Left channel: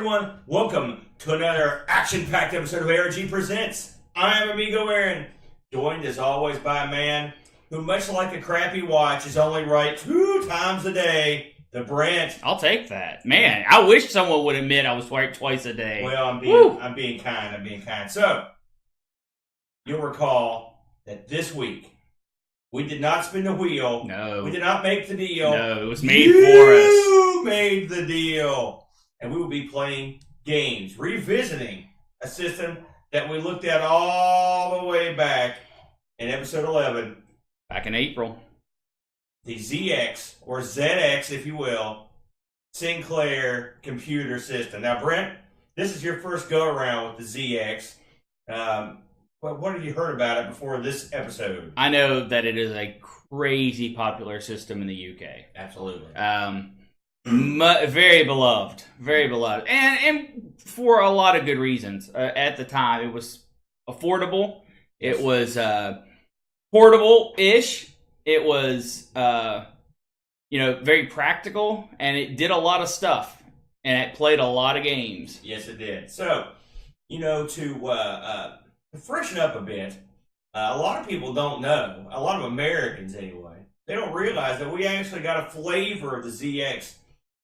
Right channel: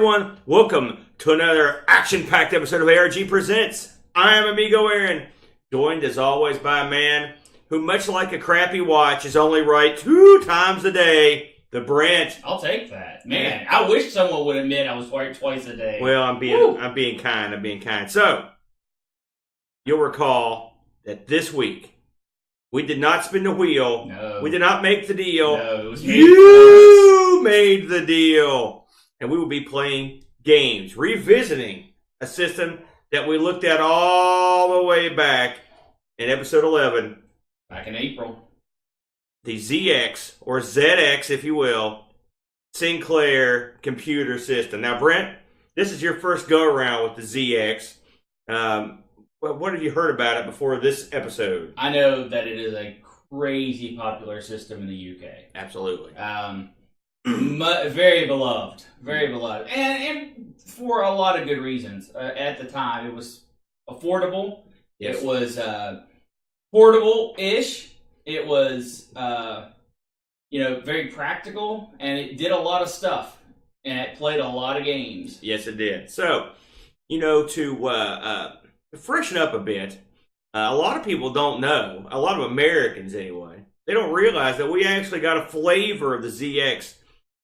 everyone. Welcome to another action-packed episode of ARG Presents. I am Amigo Aaron, joined as always by a man who, much like a crappy watch, is only right 2 times a day, the Brent. I'll take that. Man, I wish someone would admit I was right twice a day. Well, I'm being kind. So, you'll recall that this week, we did not spin the wheel. No. We did not make the deal. No, it was made for us. You made the deal. And we will be playing games, revisiting a system that we looked at all the way back in episode 11. Back in April. The ZX, or ZX, if you will, Sinclair computer system. Now, Brent, this is your first go-around with the ZX. What have you heard about it before this episode? I know that it is a crazy popular system in the UK. Absolutely. Very beloved. Very beloved. And for a lot of good reasons. At the time, it was affordable. Yes. It was portable-ish. It was, very practical. And it did a lot of stuff. And it played a lot of games. Yes, it did. So, to freshen up a bit, a lot of people don't know, a lot of Americans anyway, they don't realize that we actually got a flavor of the ZX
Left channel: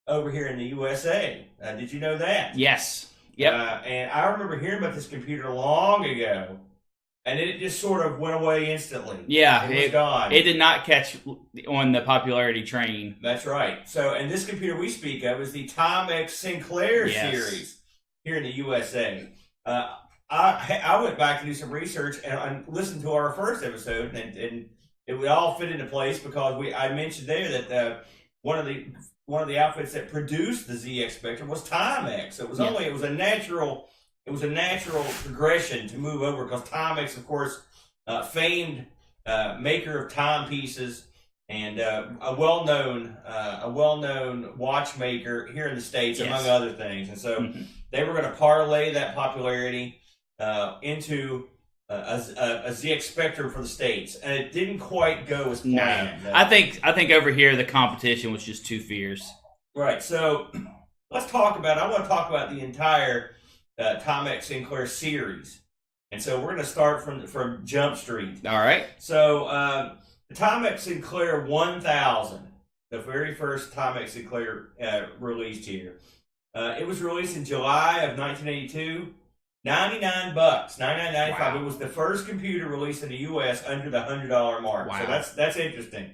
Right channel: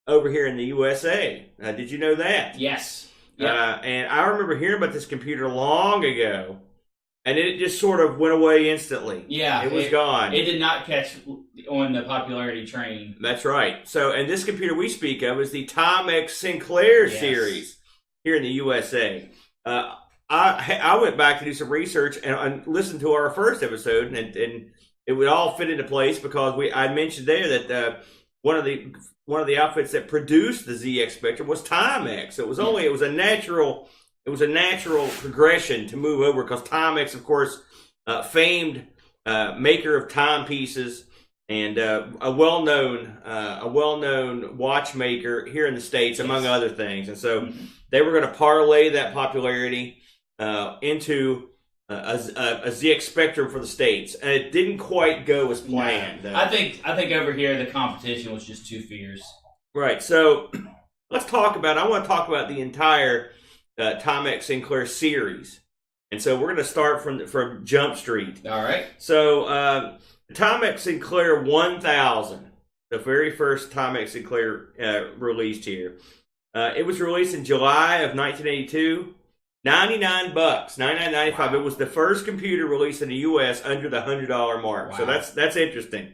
over here in the USA. Did you know that? Yes. Yeah. And I remember hearing about this computer long ago, and it just sort of went away instantly. Yeah. It was gone. It did not catch on the popularity train. That's right. So, and this computer we speak of is the Timex Sinclair Series here in the USA. I went back to do some research and listened to our first episode, and it would all fit into place because I mentioned there that one of the outfits that produced the ZX Spectrum was Timex. So it was a natural progression to move over because Timex, of course, famed maker of timepieces and a well-known watchmaker here in the States, among other things. And so they were going to parlay that popularity into a ZX Spectrum for the States, and it didn't quite go as planned. No. I think over here the competition was just too fierce. Right. So I want to talk about the entire Timex Sinclair series, and so we're going to start from Jump Street. All right. So the Timex Sinclair 1000, the very first Timex Sinclair released here. It was released in July of 1982. $99, $99.95. Wow. It was the first computer released in the U.S. under the $100 mark. Wow. So that's interesting.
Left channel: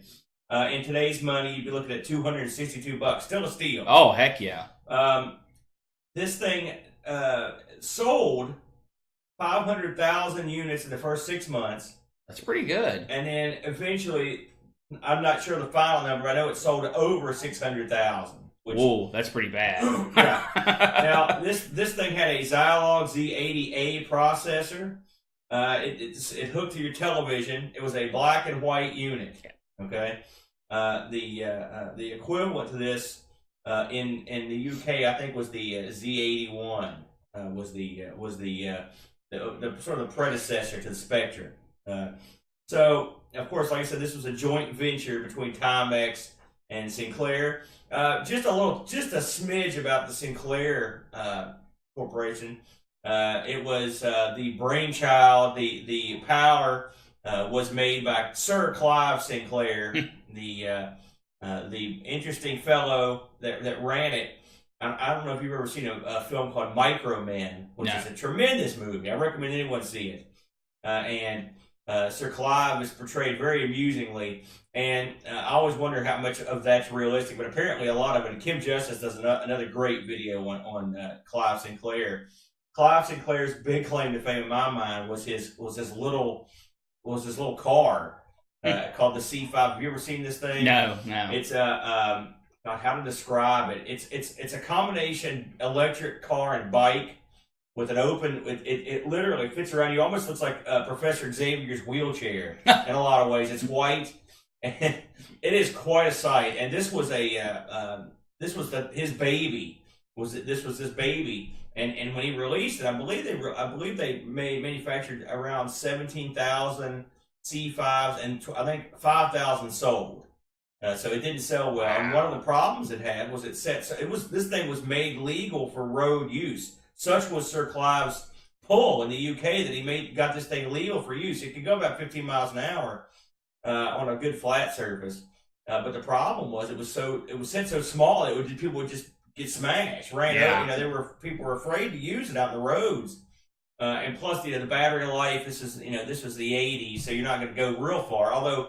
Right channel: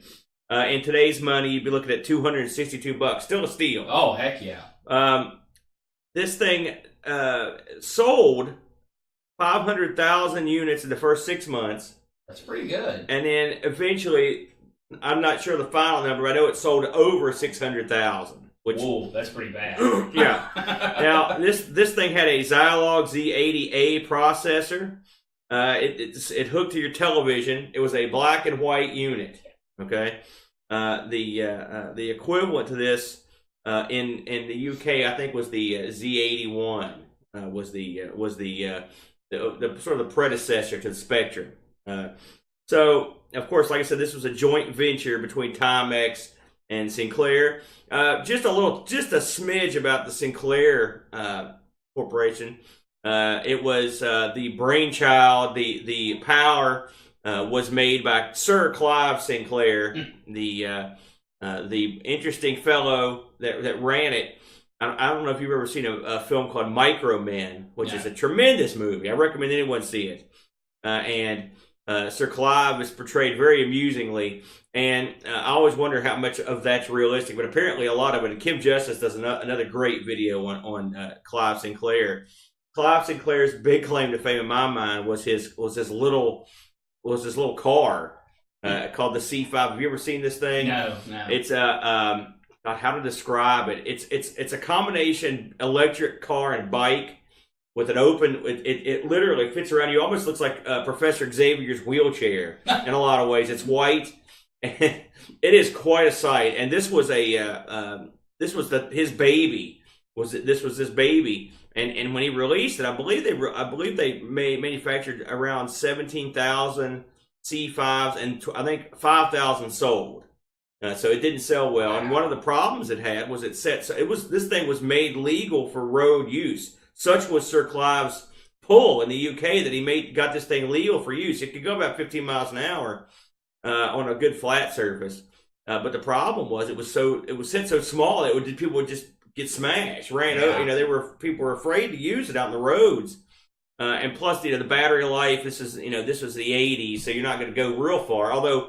In today's money, you'd be looking at $262. Still a steal. Oh, heck yeah. This thing sold 500,000 units in the first 6 months. That's pretty good. And then eventually, I'm not sure the final number. I know it sold over 600,000. Whoa, that's pretty bad. Yeah. Now, this thing had a Zilog Z80A processor. It hooked to your television. It was a black and white unit. Okay. The equivalent to this in the UK, I think, was the Z81. Was the sort of the predecessor to the Spectrum. So, of course, like I said, this was a joint venture between Timex and Sinclair. Just a smidge about the Sinclair Corporation. It was the brainchild. The power was made by Sir Clive Sinclair, the interesting fellow that ran it. I don't know if you've ever seen a film called Micro Men, which is a tremendous movie. I recommend anyone see it. And Sir Clive is portrayed very amusingly, and I always wonder how much of that's realistic, but apparently a lot of it. And Kim Justice does another great video on Clive Sinclair. Clive Sinclair's big claim to fame in my mind was his little car called the C5. Have you ever seen this thing? No. It's how to describe it. It's a combination electric car and bike. With an open, it literally fits around you. Almost looks like Professor Xavier's wheelchair in a lot of ways. It's white, and it is quite a sight. And this was his baby. This was his baby. And when he released it, I believe they manufactured around 17,000 C5s, and I think 5,000 sold. So it didn't sell well. And one of the problems it had was this thing was made legal for road use. Such was Sir Clive's pull in the UK that he got this thing legal for use. It could go about 15 miles an hour on a good flat surface. But the problem was it was set so small that people would just get smashed, ran over. People were afraid to use it out on the roads. And plus, the battery life. This was the '80s, so you're not going to go real far. Although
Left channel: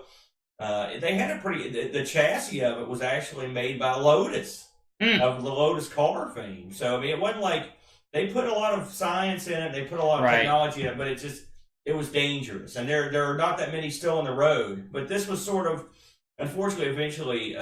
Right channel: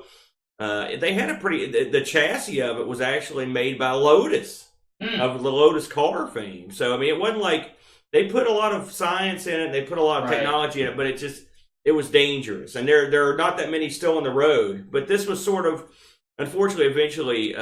they had the chassis of it was actually made by Lotus of the Lotus car fame. So I mean, it wasn't like they put a lot of science in it, they put a lot of technology in it, but it was dangerous. And there are not that many still on the road. But this was sort of, unfortunately, eventually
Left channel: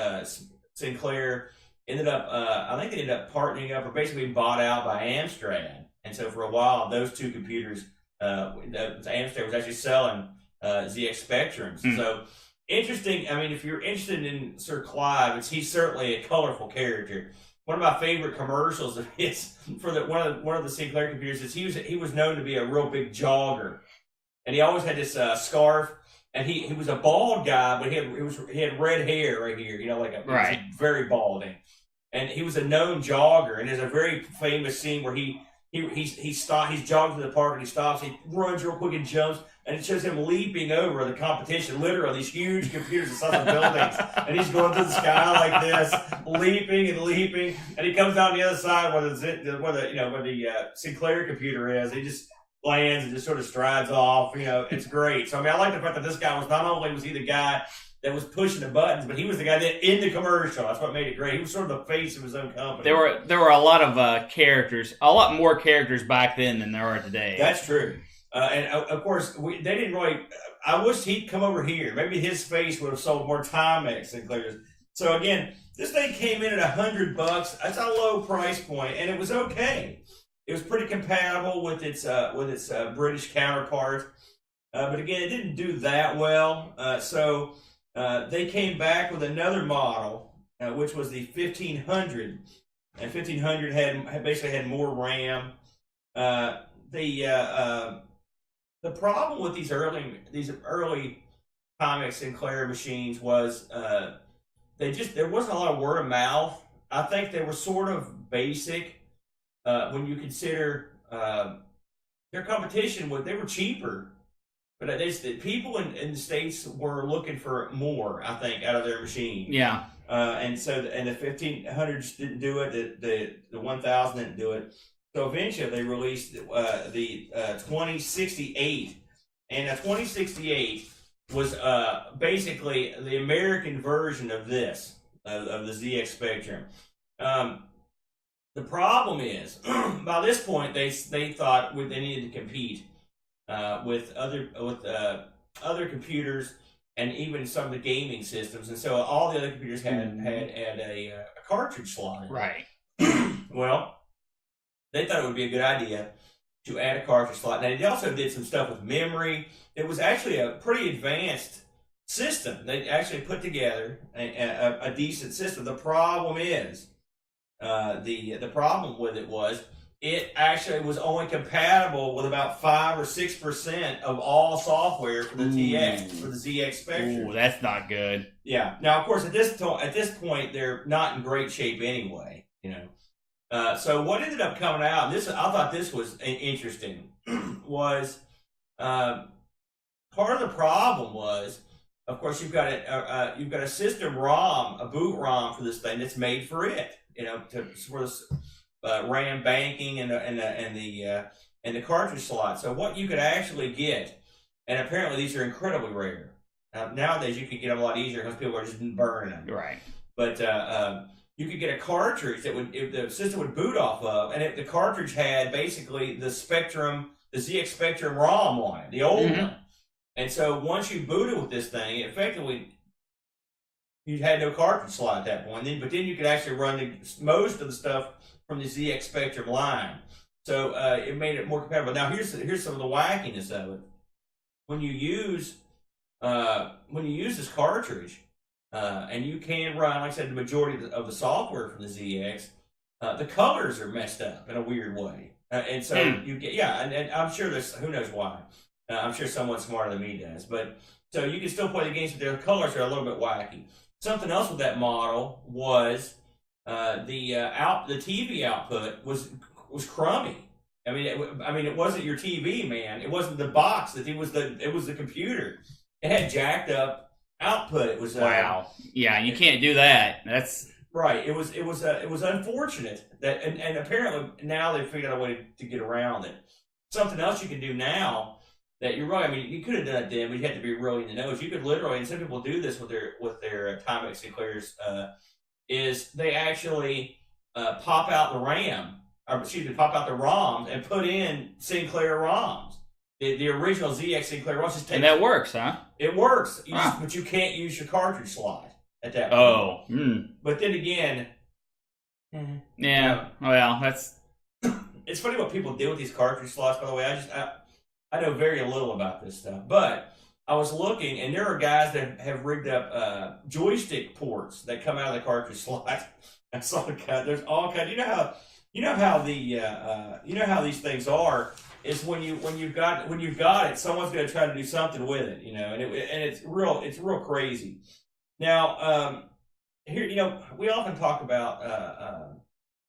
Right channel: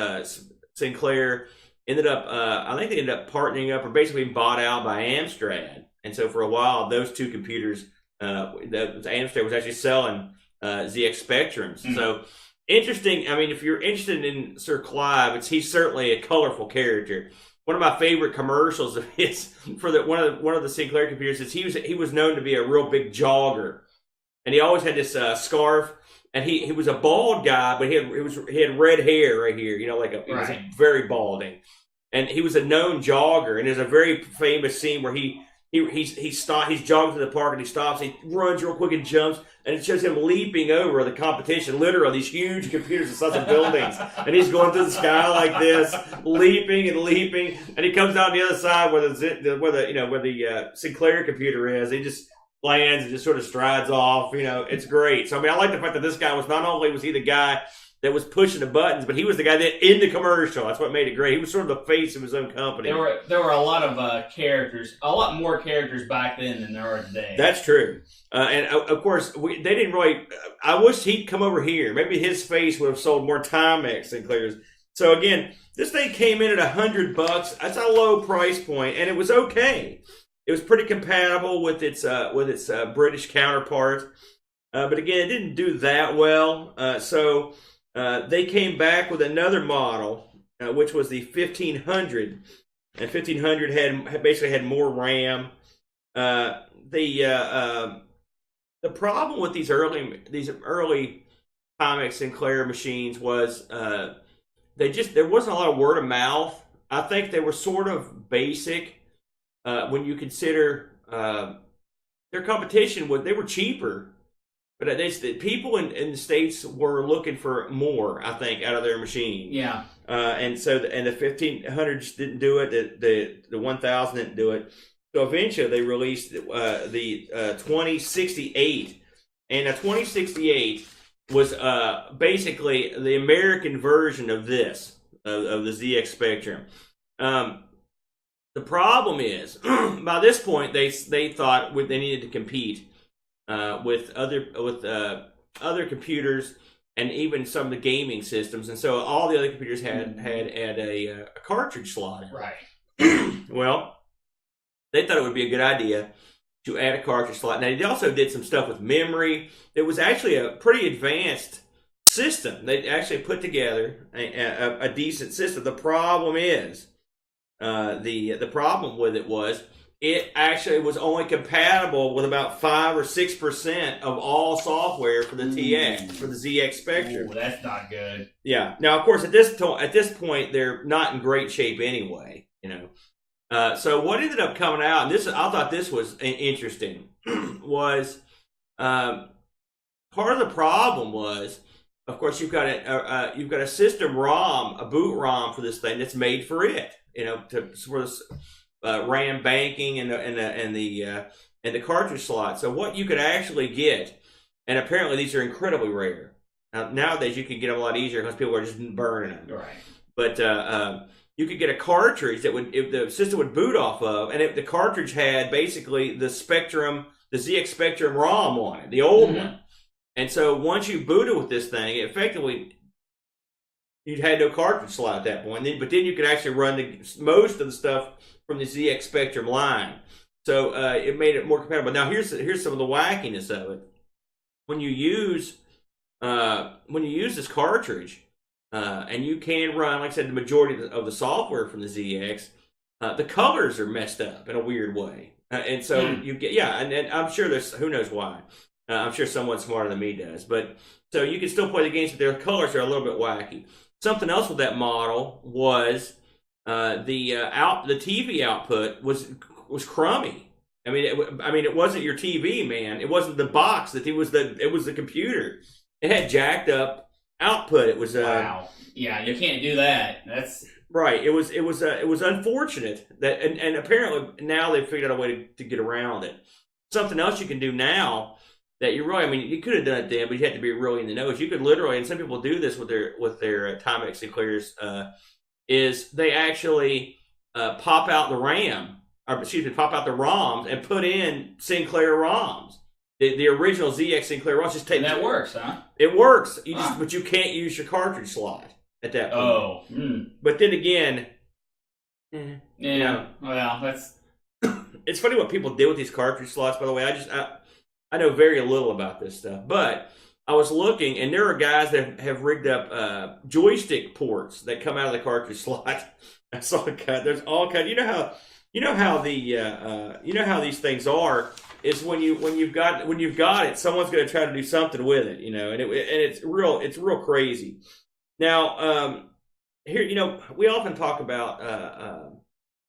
Sinclair ended up. I think they ended up partnering up or basically bought out by Amstrad. And so for a while, those two computers, Amstrad was actually selling ZX Spectrums. So interesting. I mean, if you're interested in Sir Clive, he's certainly a colorful character. One of my favorite commercials of his for one of the Sinclair computers is he was known to be a real big jogger, and he always had this scarf. And he was a bald guy, but he had red hair right here, he was very balding, and he was a known jogger. And there's a very famous scene where he's jogging to the park and he stops, he runs real quick and jumps, and it shows him leaping over the competition, literally these huge computers the size of buildings, and he's going through the sky like this, leaping, and he comes down the other side where the Sinclair computer is. He just lands and just sort of strides off. It's great. So I mean, I like the fact that this guy was not only was he the guy that was pushing the buttons, but he was the guy that in the commercial. That's what made it great. He was sort of the face of his own company. There were a lot of characters, a lot more characters back then than there are today. That's true. And of course, they didn't really. I wish he'd come over here. Maybe his face would have sold more Timex Sinclairs. So again, this thing came in at $100. That's a low price point, and it was okay. It was pretty compatible with its British counterpart, but again, it didn't do that well. So they came back with another model, which was the 1500, and 1500 had more RAM. The problem with these early Timex Sinclair machines was there wasn't a lot of word of mouth. I think they were sort of basic. When you consider their competition, they were cheaper, but people in the States were looking for more, I think, out of their machine. Yeah. And the 1500s didn't do it. The 1000 didn't do it. So eventually they released the 2068, and a 2068 was basically the American version of this of the ZX Spectrum. The problem is, by this point, they thought they needed to compete with other computers and even some of the gaming systems, and so all the other computers had a cartridge slot in it. Right. Well, they thought it would be a good idea to add a cartridge slot. Now, they also did some stuff with memory. It was actually a pretty advanced system. They actually put together a decent system. The problem is. The problem with it was it actually was only compatible with about 5 or 6% of all software for the TX, for the ZX Spectrum. Ooh, that's not good. Yeah. Now, of course, at this point, they're not in great shape anyway. So what ended up coming out, I thought this was interesting, was part of the problem was, of course, you've got a system ROM, a boot ROM for this thing that's made for it. To sort of RAM banking and the cartridge slot. So what you could actually get, and apparently these are incredibly rare. Nowadays you can get them a lot easier because people are just burning them. Right. But you could get a cartridge that the system would boot off of, and the cartridge had basically the ZX Spectrum ROM on it, the old one. And so once you booted with this thing, effectively. You had no cartridge slot at that point, but then you could actually run most of the stuff from the ZX Spectrum line. So it made it more compatible. Now here's some of the wackiness of it. When you use this cartridge, and you can run, like I said, the majority of the software from the ZX, the colors are messed up in a weird way, and so you get and I'm sure there's who knows why. I'm sure someone smarter than me does, but so you can still play the games, but their colors are a little bit wacky. Something else with that model was the TV output was crummy. I mean, it wasn't your TV, man. It wasn't the box. It was the computer. It had jacked up output. It was wow. Yeah, you can't do that. That's right. It was unfortunate that, and apparently now they've figured out a way to get around it. Something else you can do now that you're right. I mean, you could have done it then, but you had to be really in the nose. You could literally, and some people do this with their Timex Sinclairs, is they actually pop out the RAM. Pop out the ROMs and put in Sinclair ROMs. The original ZX Sinclair ROMs. Just take and that works, huh? It works, but you can't use your cartridge slot at that point. Oh. But then again... Yeah, well, that's... It's funny what people do with these cartridge slots, by the way. I know very little about this stuff. But I was looking, and there are guys that have rigged up joystick ports that come out of the cartridge slot. I saw a cut. There's all kinds. You know how these things are is when you've got it, someone's going to try to do something with it, and it's real crazy. Now, here, we often talk about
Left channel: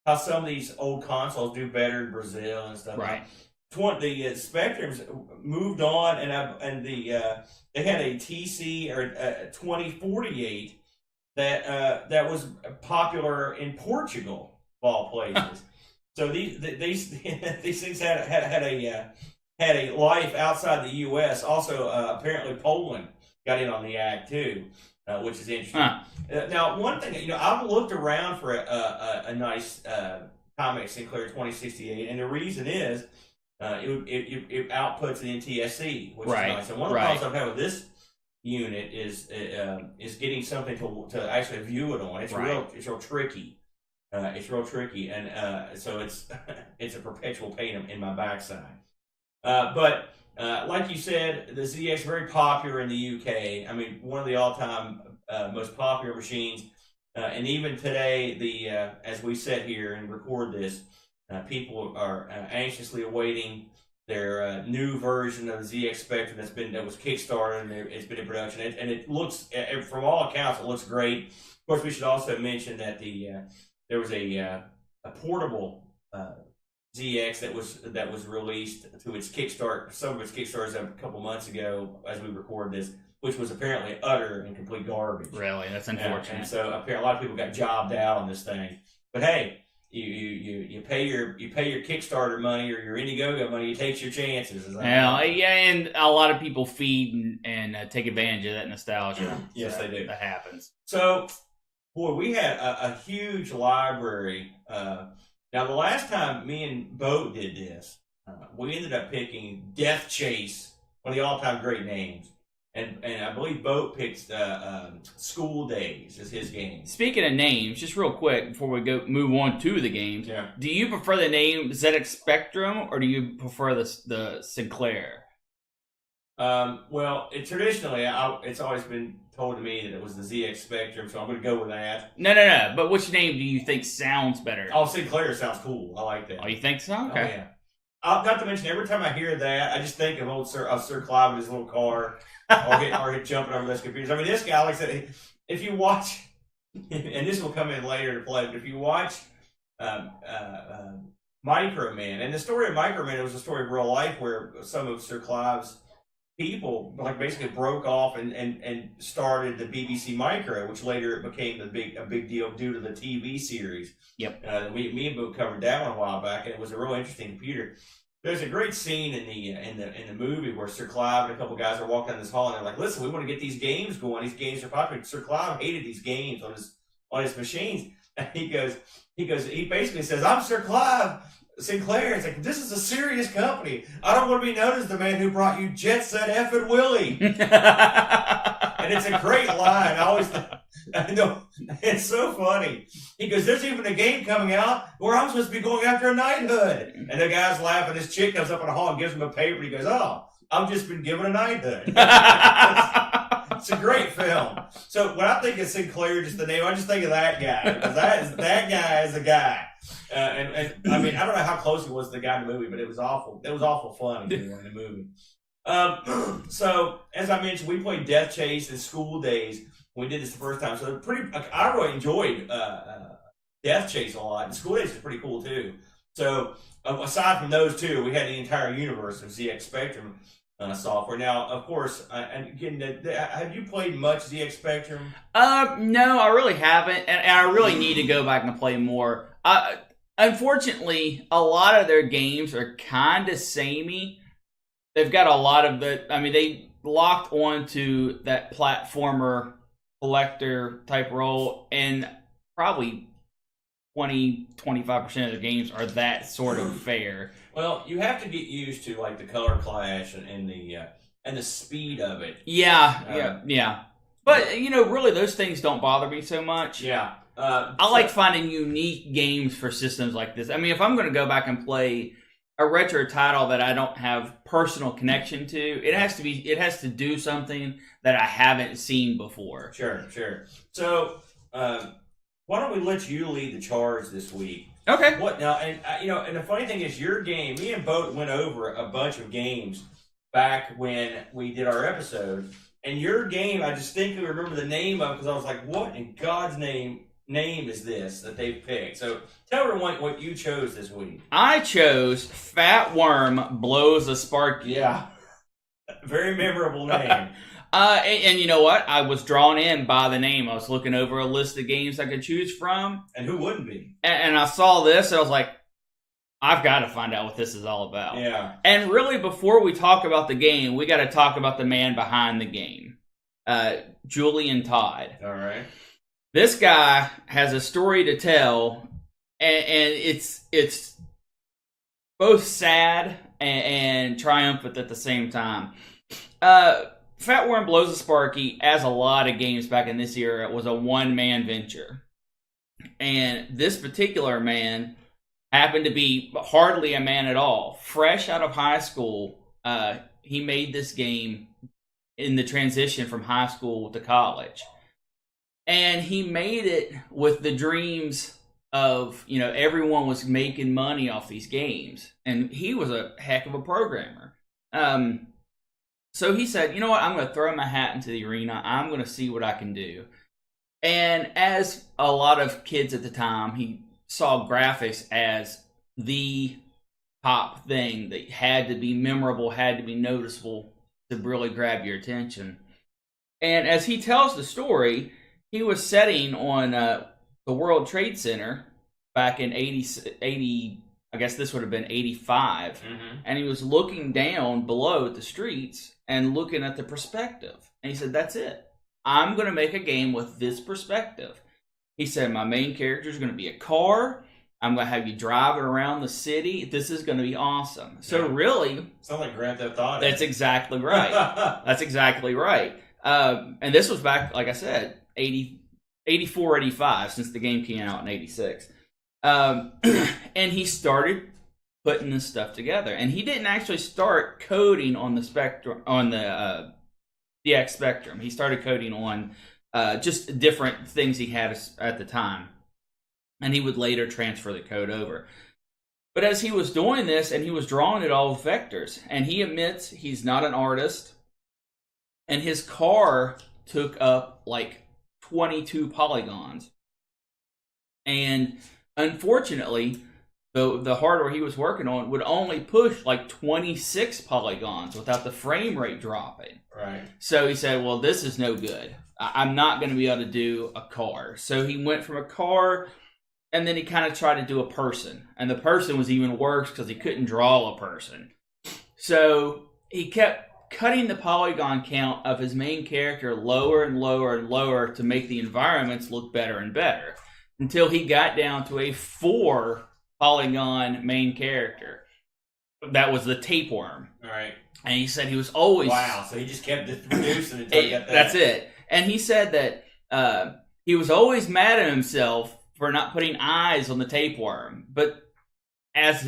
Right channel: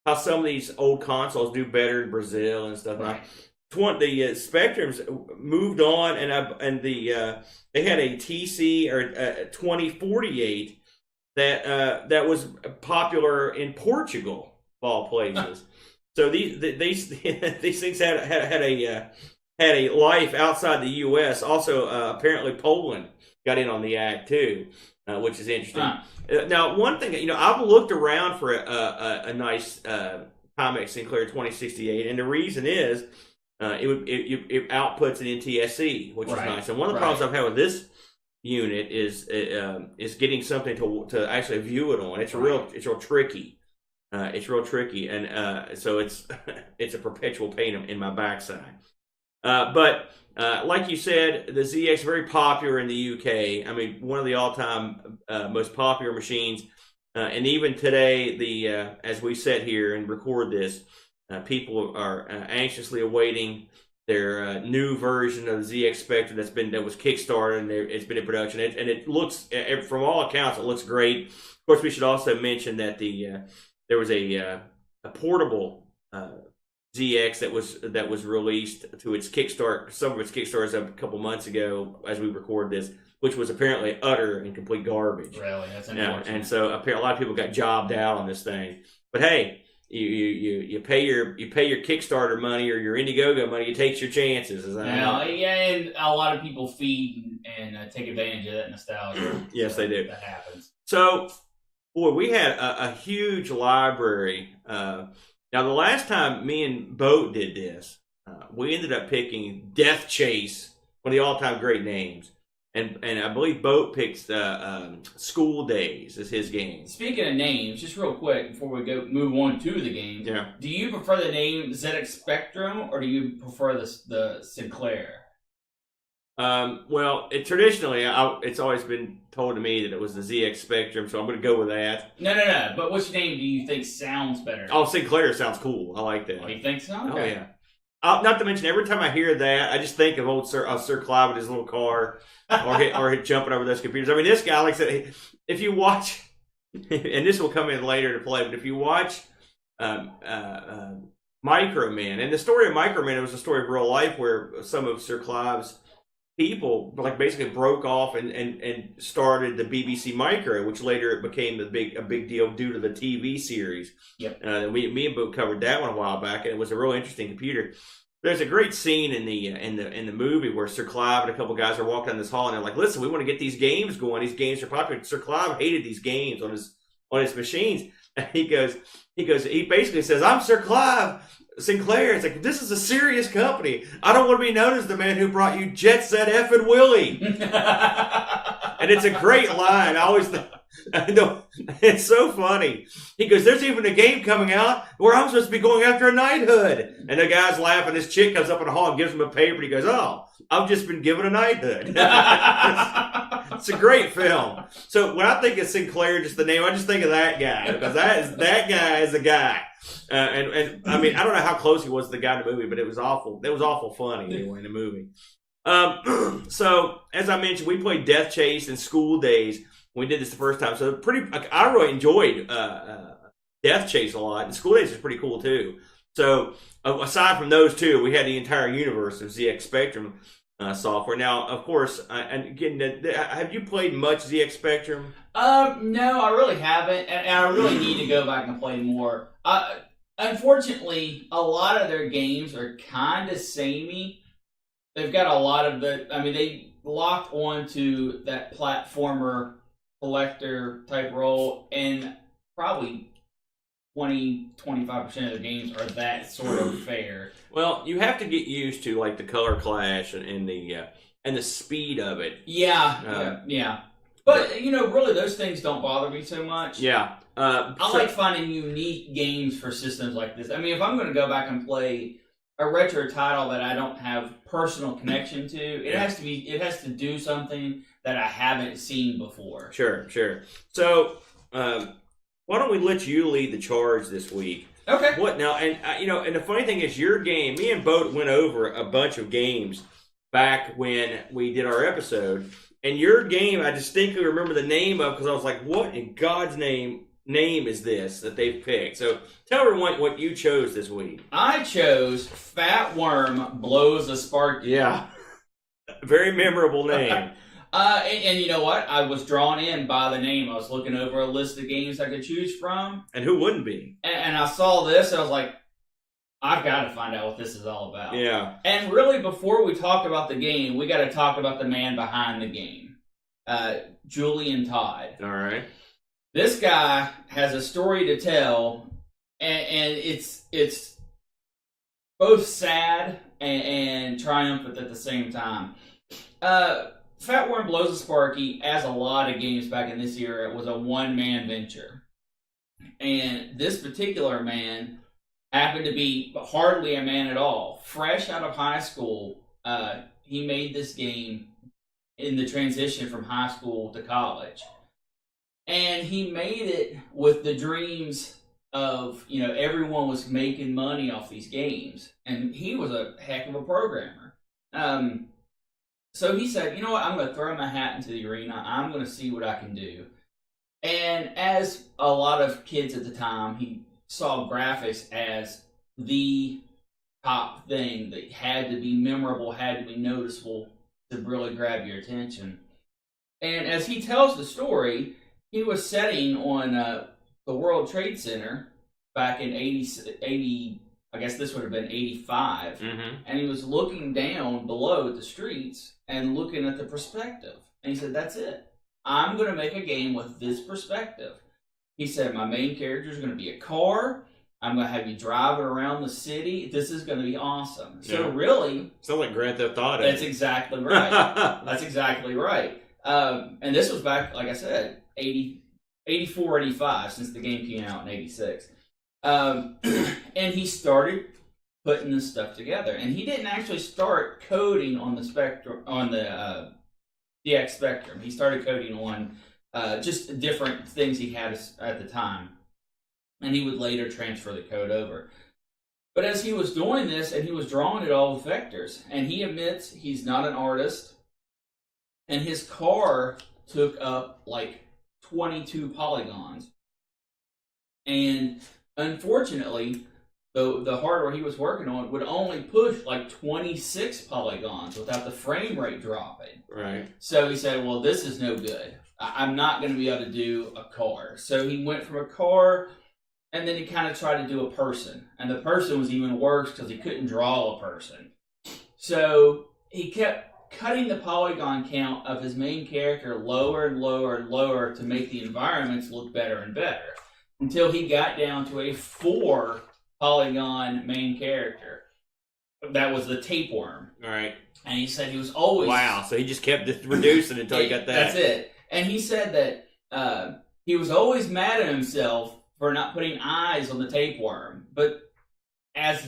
how some of these old consoles do better in Brazil and stuff. Right. The Spectrums moved on, and they had a TC or a 2048 that was popular in Portugal, of all places. So these things had a life outside the U.S. Also, apparently Poland got in on the act too, which is interesting. Now, one thing, I've looked around for a nice Timex Sinclair 2068, and the reason is it outputs an NTSC, which is nice. And one of the problems I've had with this unit is getting something to actually view it on. It's real tricky. It's real tricky, and so it's a perpetual pain in my backside. But like you said, the ZX very popular in the UK. I mean, one of the all-time most popular machines, and even today, as we sit here and record this, people are anxiously awaiting their new version of the ZX Spectrum that was kickstarted and it's been in production. And it looks, from all accounts, it looks great. Of course, we should also mention that there was a portable ZX that was released to its Kickstarter. Some of its Kickstarters a couple months ago, as we record this, which was apparently utter and complete garbage. Really, that's unfortunate. And so apparently a lot of people got jobbed out on this thing. But hey, you pay your Kickstarter money or your Indiegogo money, you take your chances. And a lot of people feed and take advantage of that nostalgia. Yes, they do. That happens. So, boy, we had a huge library. Now, the last time me and Boat did this, we ended up picking Death Chase, one of the all-time great names. And I believe Boat picks School Days as his game. Speaking of names, just real quick before we move on to the games, do you prefer the name ZX Spectrum or do you prefer the Sinclair? Well, traditionally, it's always been told to me that it was the ZX Spectrum, so I'm going to go with that. No. But which name do you think sounds better? Oh, Sinclair sounds cool. I like that. Oh, you think so? Okay. Oh, yeah. Not to mention, every time I hear that, I just think of old Sir Clive in his little car, or jumping over those computers. I mean, this guy, like I said, if you watch, and this will come in later to play, but if you watch Microman, and the story of Microman was a story of real life where some of Sir Clive's people basically broke off and started the BBC Micro, which later became a big deal due to the TV series. Yep. Me and Bo covered that one a while back, and it was a real interesting computer. There's a great scene in the movie where Sir Clive and a couple guys are walking down this hall and they're like, "Listen, we want to get these games going. These games are popular." Sir Clive hated these games on his machines, and he basically says, "I'm Sir Clive Sinclair." It's like, this is a serious company. I don't want to be known as the man who brought you Jet Set Willy. And it's a great line. I know, it's so funny. He goes, "There's even a game coming out where I'm supposed to be going after a knighthood." And the guy's laughing. This chick comes up in the hall and gives him a paper. And he goes, "Oh, I've just been given a knighthood." It's a great film. So when I think of Sinclair, just the name, I just think of that guy, because that guy is the guy. And I mean, I don't know how close he was to the guy in the movie, but it was awful. It was awful funny anyway in the movie. So as I mentioned, we played Death Chase and School Days. We did this the first time, so I really enjoyed Death Chase a lot. And School Days is pretty cool too. So aside from those two, we had the entire universe of ZX Spectrum software. Now, of course, and again, have you played much ZX Spectrum? No, I really haven't, and I really need to go back and play more. Unfortunately, a lot of their games are kind of samey. They've got a lot of they locked onto that platformer collector type role, and probably 20-25% of the games are that sort of fair. Well, you have to get used to like the color clash and the speed of it. Yeah. But really, those things don't bother me so much. Yeah. I like finding unique games for systems like this. I mean, if I'm going to go back and play a retro title that I don't have personal connection to, it has to do something that I haven't seen before. Sure. So, why don't we let you lead the charge this week? Okay. What now? And and the funny thing is, your game. Me and Boat went over a bunch of games back when we did our episode, and your game, I distinctly remember the name of because I was like, "What in God's name is this that they've picked?" So tell everyone what you chose this week. I chose Fat Worm Blows a Sparky. Yeah, very memorable name. And you know what? I was drawn in by the name. I was looking over a list of games I could choose from. And who wouldn't be? And I saw this, and I was like, I've got to find out what this is all about. Yeah. And really, before we talk about the game, we got to talk about the man behind the game, Julian Todd. All right. This guy has a story to tell, and it's both sad and triumphant at the same time. Fat Worm Blows a Sparky, as a lot of games back in this era, was a one-man venture. And this particular man happened to be hardly a man at all. Fresh out of high school, he made this game in the transition from high school to college. And he made it with the dreams of, everyone was making money off these games. And he was a heck of a programmer. So he said, you know what, I'm going to throw my hat into the arena. I'm going to see what I can do. And as a lot of kids at the time, he saw graphics as the top thing that had to be memorable, had to be noticeable to really grab your attention. And as he tells the story, he was setting on the World Trade Center back in 80, I guess this would have been 85. Mm-hmm. And he was looking down below at the streets and looking at the perspective. And he said, that's it. I'm going to make a game with this perspective. He said, my main character is going to be a car. I'm going to have you driving around the city. This is going to be awesome. So really... Sounds like Grand Theft Auto. That's exactly right. That's exactly right. And this was back, like I said, 84, 85, since the game came out in 86. And he started putting this stuff together. And he didn't actually start coding on the Spectrum, on the DX Spectrum. He started coding on just different things he had at the time. And he would later transfer the code over. But as he was doing this, and he was drawing it all with vectors, and he admits he's not an artist, and his car took up like 22 polygons. And unfortunately, the hardware he was working on would only push like 26 polygons without the frame rate dropping. Right. So he said, well, this is no good. I'm not going to be able to do a car. So he went from a car, and then he kind of tried to do a person. And the person was even worse because he couldn't draw a person. So he kept cutting the polygon count of his main character lower and lower and lower to make the environments look better and better, until he got down to a 4 polygon main character. That was the tapeworm. All right. And he said he was always... Wow, so he just kept reducing until he got that. That's it. And he said that he was always mad at himself for not putting eyes on the tapeworm. But as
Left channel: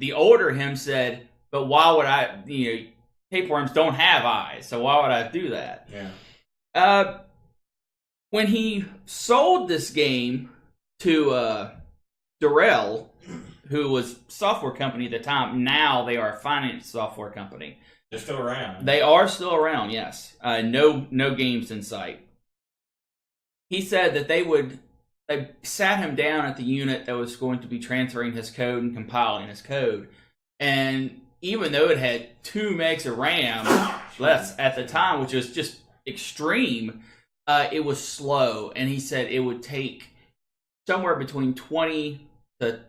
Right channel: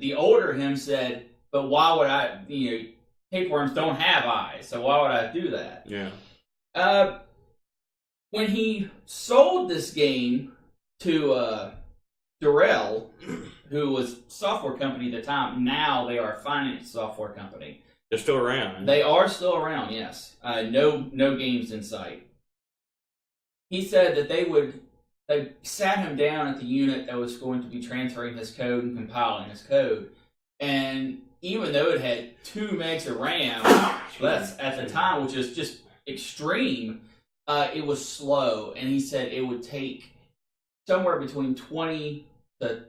the older him said, but why would I... tapeworms don't have eyes, so why would I do that? Yeah. When he sold this game to Durrell, who was software company at the time, now they are a finance software company. They're still around. They are still around, yes. No games in sight. he said that they sat him down at the unit that was going to be transferring his code and compiling his code. And even though it had 2 megs of RAM less at the time, which was just extreme, it was slow. And he said it would take somewhere between 20 to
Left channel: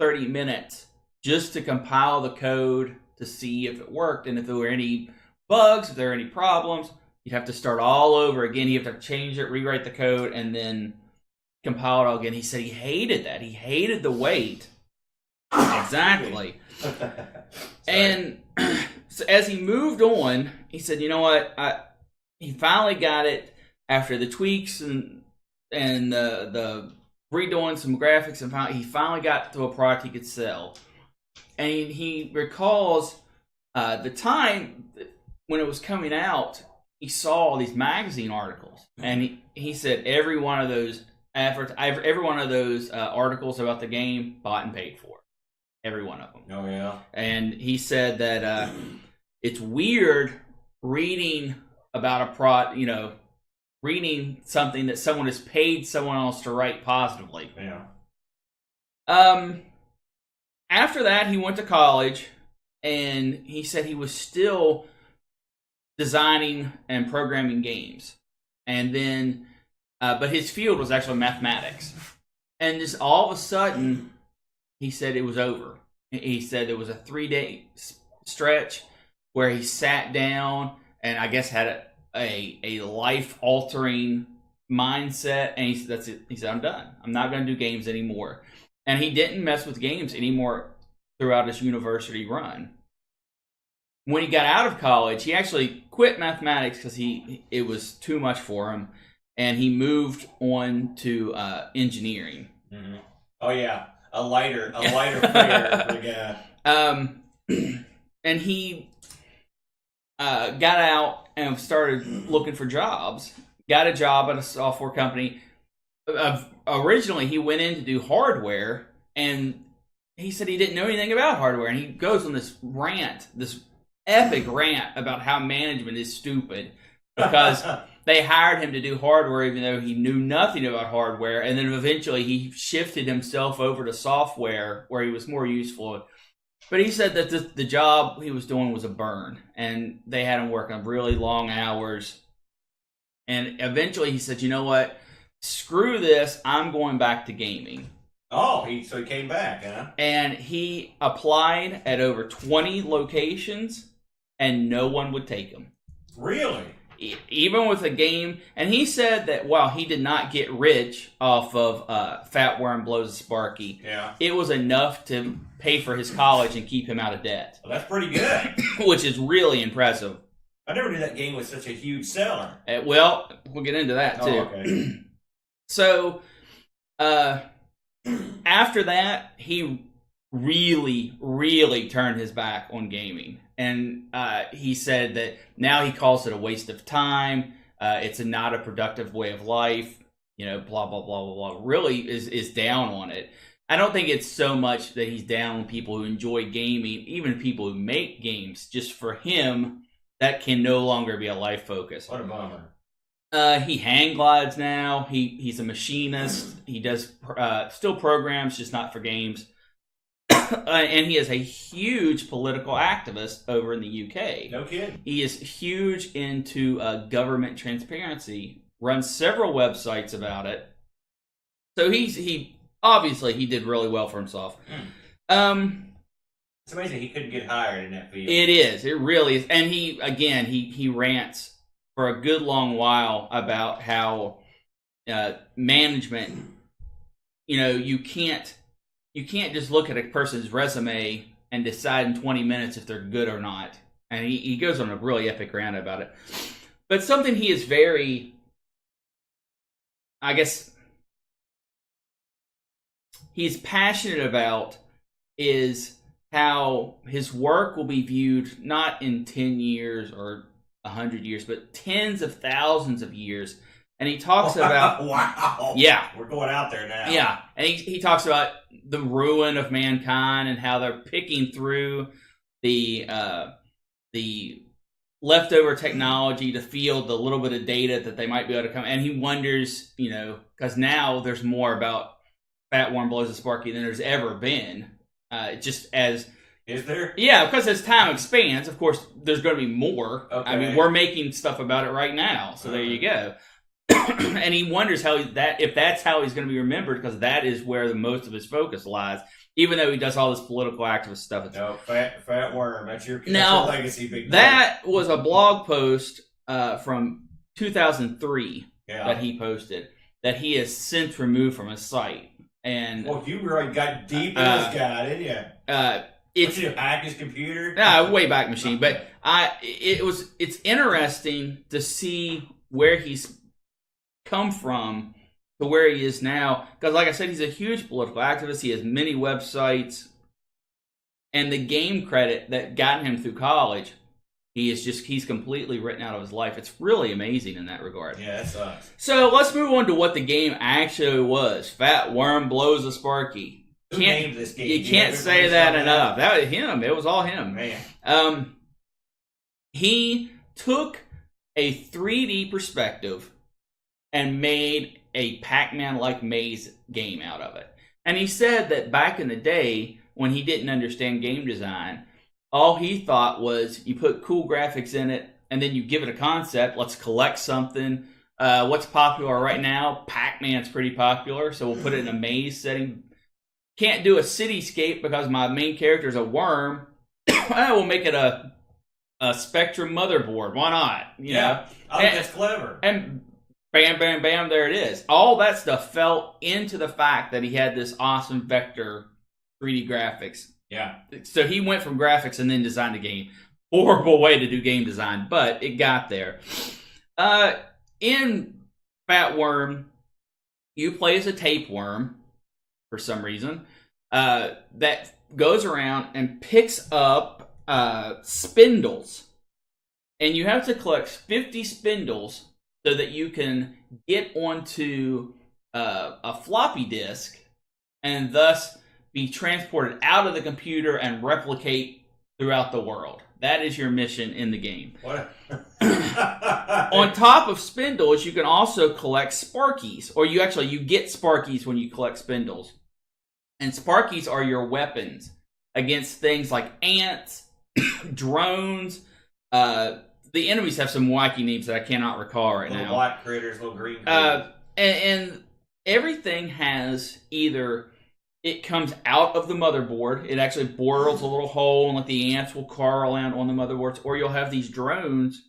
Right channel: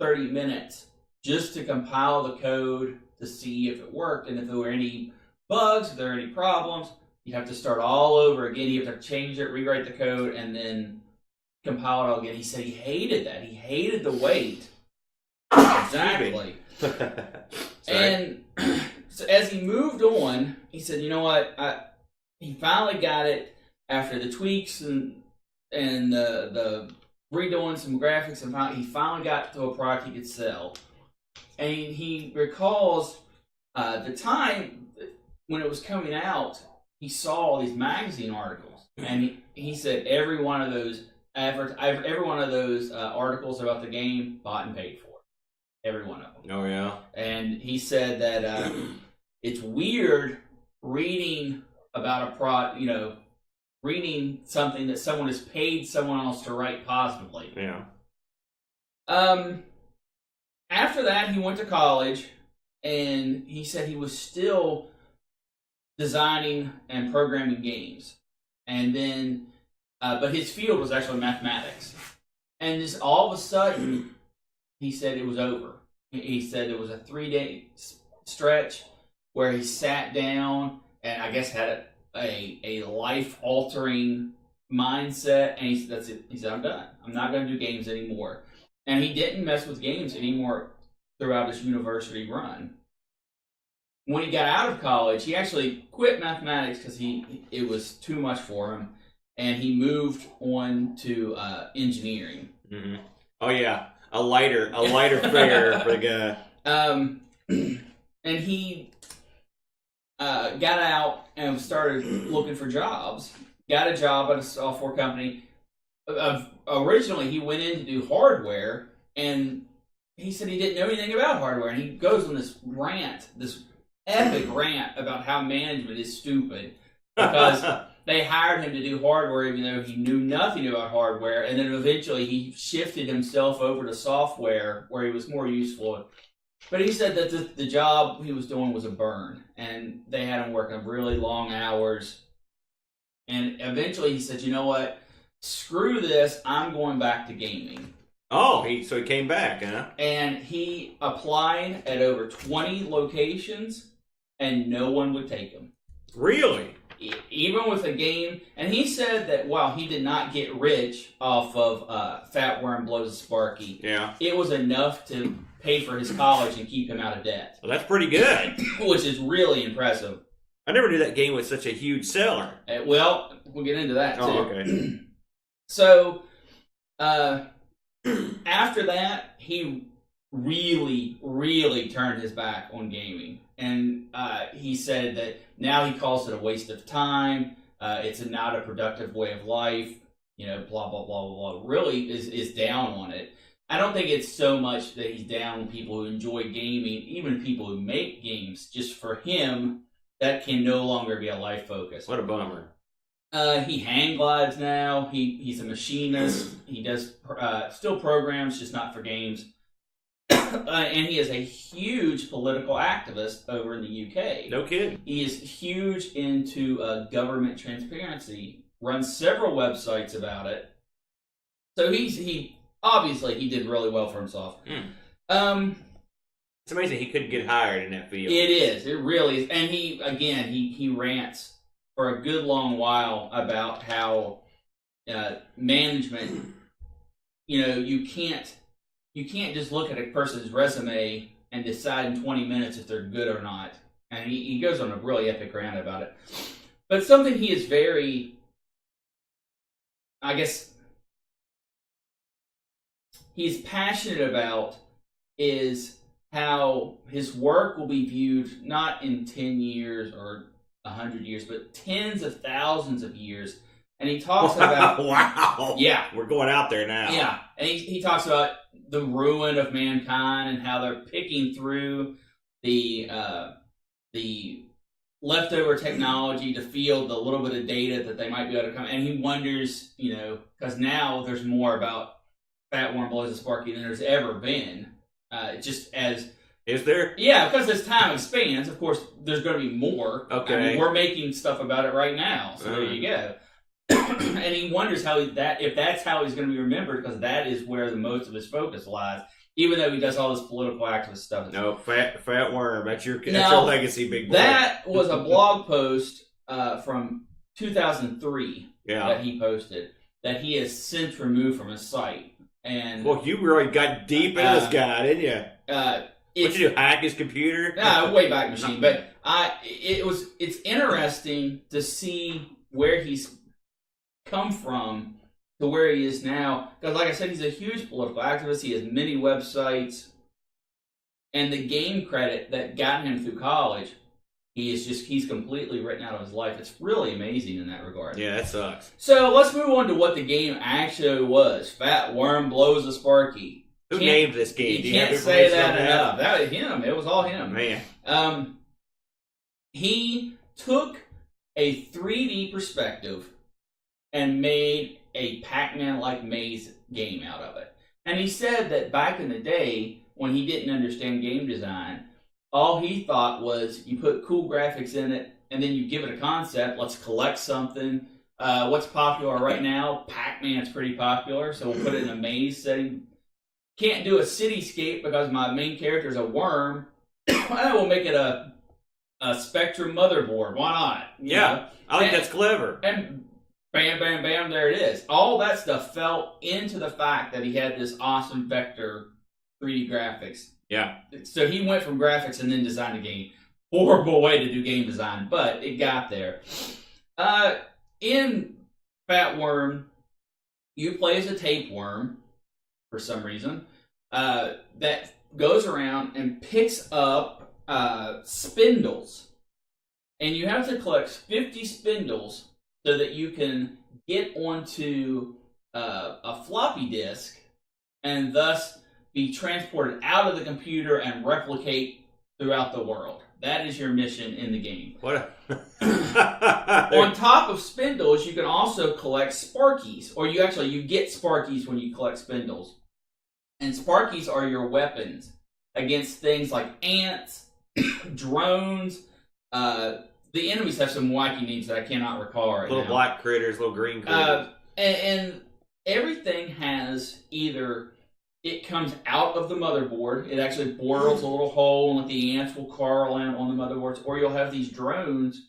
30 minutes just to compile the code to see if it worked. And if there were any bugs, if there were any problems, you'd have to start all over again. You have to change it, rewrite the code, and then compile it all again. He said he hated that. He hated the wait. Exactly. And so as he moved on, he said, you know what? He finally got it after the tweaks and the redoing some graphics, and he finally got to a product he could sell. And he recalls the time when it was coming out, he saw these magazine articles, and he said every one of those articles about the game bought and paid for. Every one of them. Oh, yeah. And he said that it's weird reading about reading something that someone has paid someone else to write positively. Yeah. After that, he went to college, and he said he was still designing and programming games. And then, but his field was actually mathematics. And just all of a sudden, he said it was over. He said it was a 3-day stretch where he sat down and I guess had a life-altering mindset. And he said, that's it. He said, I'm done. I'm not going to do games anymore. And he didn't mess with games anymore throughout his university run. When he got out of college, he actually quit mathematics because it was too much for him. And he moved on to engineering. Mm-hmm. Oh, yeah. A lighter figure for the guy. And he got out and started looking for jobs. Got a job at a software company. Originally, he went in to do hardware, and he said he didn't know anything about hardware. And he goes on this epic rant about how management is stupid because they hired him to do hardware even though he knew nothing about hardware. And then eventually he shifted himself over to software where he was more useful. But he said that the job he was doing was a burn, and they had him working really long hours. And eventually he said, you know what? Screw this. I'm going back to gaming. Oh, so he came back, huh? And he applied at over 20 locations, and no one would take him. Really? Even with a game. And he said that while he did not get rich off of Fat Worm Blows Sparky, yeah, it was enough to pay for his college and keep him out of debt. Well, that's pretty good. Which is really impressive. I never knew that game was such a huge seller. Well, we'll get into that, too. Oh, okay. So, after that, he really, really turned his back on gaming. And he said that now he calls it a waste of time. It's not a productive way of life. Blah, blah, blah, blah, blah. Really is down on it. I don't think it's so much that he's down on people who enjoy gaming, even people who make games. Just for him, that can no longer be a life focus. What a bummer. He hang glides now. He's a machinist. He does still programs, just not for games. And he is a huge political activist over in the UK. No kidding. He is huge into government transparency. Runs several websites about it. So he obviously he did really well for himself. It's amazing he couldn't get hired in that field. It is. It really is. And he rants for a good long while about how management, you can't just look at a person's resume and decide in 20 minutes if they're good or not. And he goes on a really epic rant about it. But something he is very, I guess, he's passionate about is how his work will be viewed not in 10 years or 100 years, but tens of thousands of years. And he talks about... Wow. Yeah. We're going out there now. Yeah. And he talks about the ruin of mankind and how they're picking through the leftover technology to field the little bit of data that they might be able to come. And he wonders, because now there's more about Fat Worm Blows a Sparky than there's ever been. Just as... Is there? Yeah, because as time expands, of course, there's going to be more. Okay. I mean, we're making stuff about it right now, so there you go. And he wonders if that's how he's going to be remembered, because that is where the most of his focus lies. Even though he does all this political activist stuff. No, Fat Worm. That's your legacy, big boy. That was a blog post from 2003 that he posted that he has since removed from his site. And well, you really got deep in this guy, didn't you? Did you hack his computer? No, Wayback Machine. But it's interesting to see where he's come from to where he is now. Because like I said, he's a huge political activist. He has many websites. And the game credit that got him through college, he's completely written out of his life. It's really amazing in that regard. Yeah, that sucks. So let's move on to what the game actually was. Fat Worm Blows a Sparky. Who named this game? You can't say that enough. That was him. It was all him. Man. He took a 3D perspective and made a Pac-Man-like maze game out of it. And he said that back in the day, when he didn't understand game design, all he thought was you put cool graphics in it, and then you give it a concept. Let's collect something. What's popular right now? Pac-Man's pretty popular, so we'll put it in a maze setting. Can't do a cityscape because my main character is a worm. We'll make it a Spectrum motherboard. Why not? You know? I think that's clever. And bam, bam, bam, there it is. All that stuff fell into the fact that he had this awesome vector 3D graphics. Yeah. So he went from graphics and then designed a game. Horrible way to do game design, but it got there. In Fat Worm, you play as a tapeworm for some reason that goes around and picks up spindles. And you have to collect 50 spindles so that you can get onto a floppy disk and thus be transported out of the computer and replicate throughout the world. That is your mission in the game. On top of spindles, you can also collect Sparkies, or you get Sparkies when you collect spindles. And Sparkies are your weapons against things like ants, drones. The enemies have some wacky names that I cannot recall right now. Little black critters, little green critters. And everything has either... It comes out of the motherboard. It actually bores a little hole and let the ants will crawl in on the motherboards. Or you'll have these drones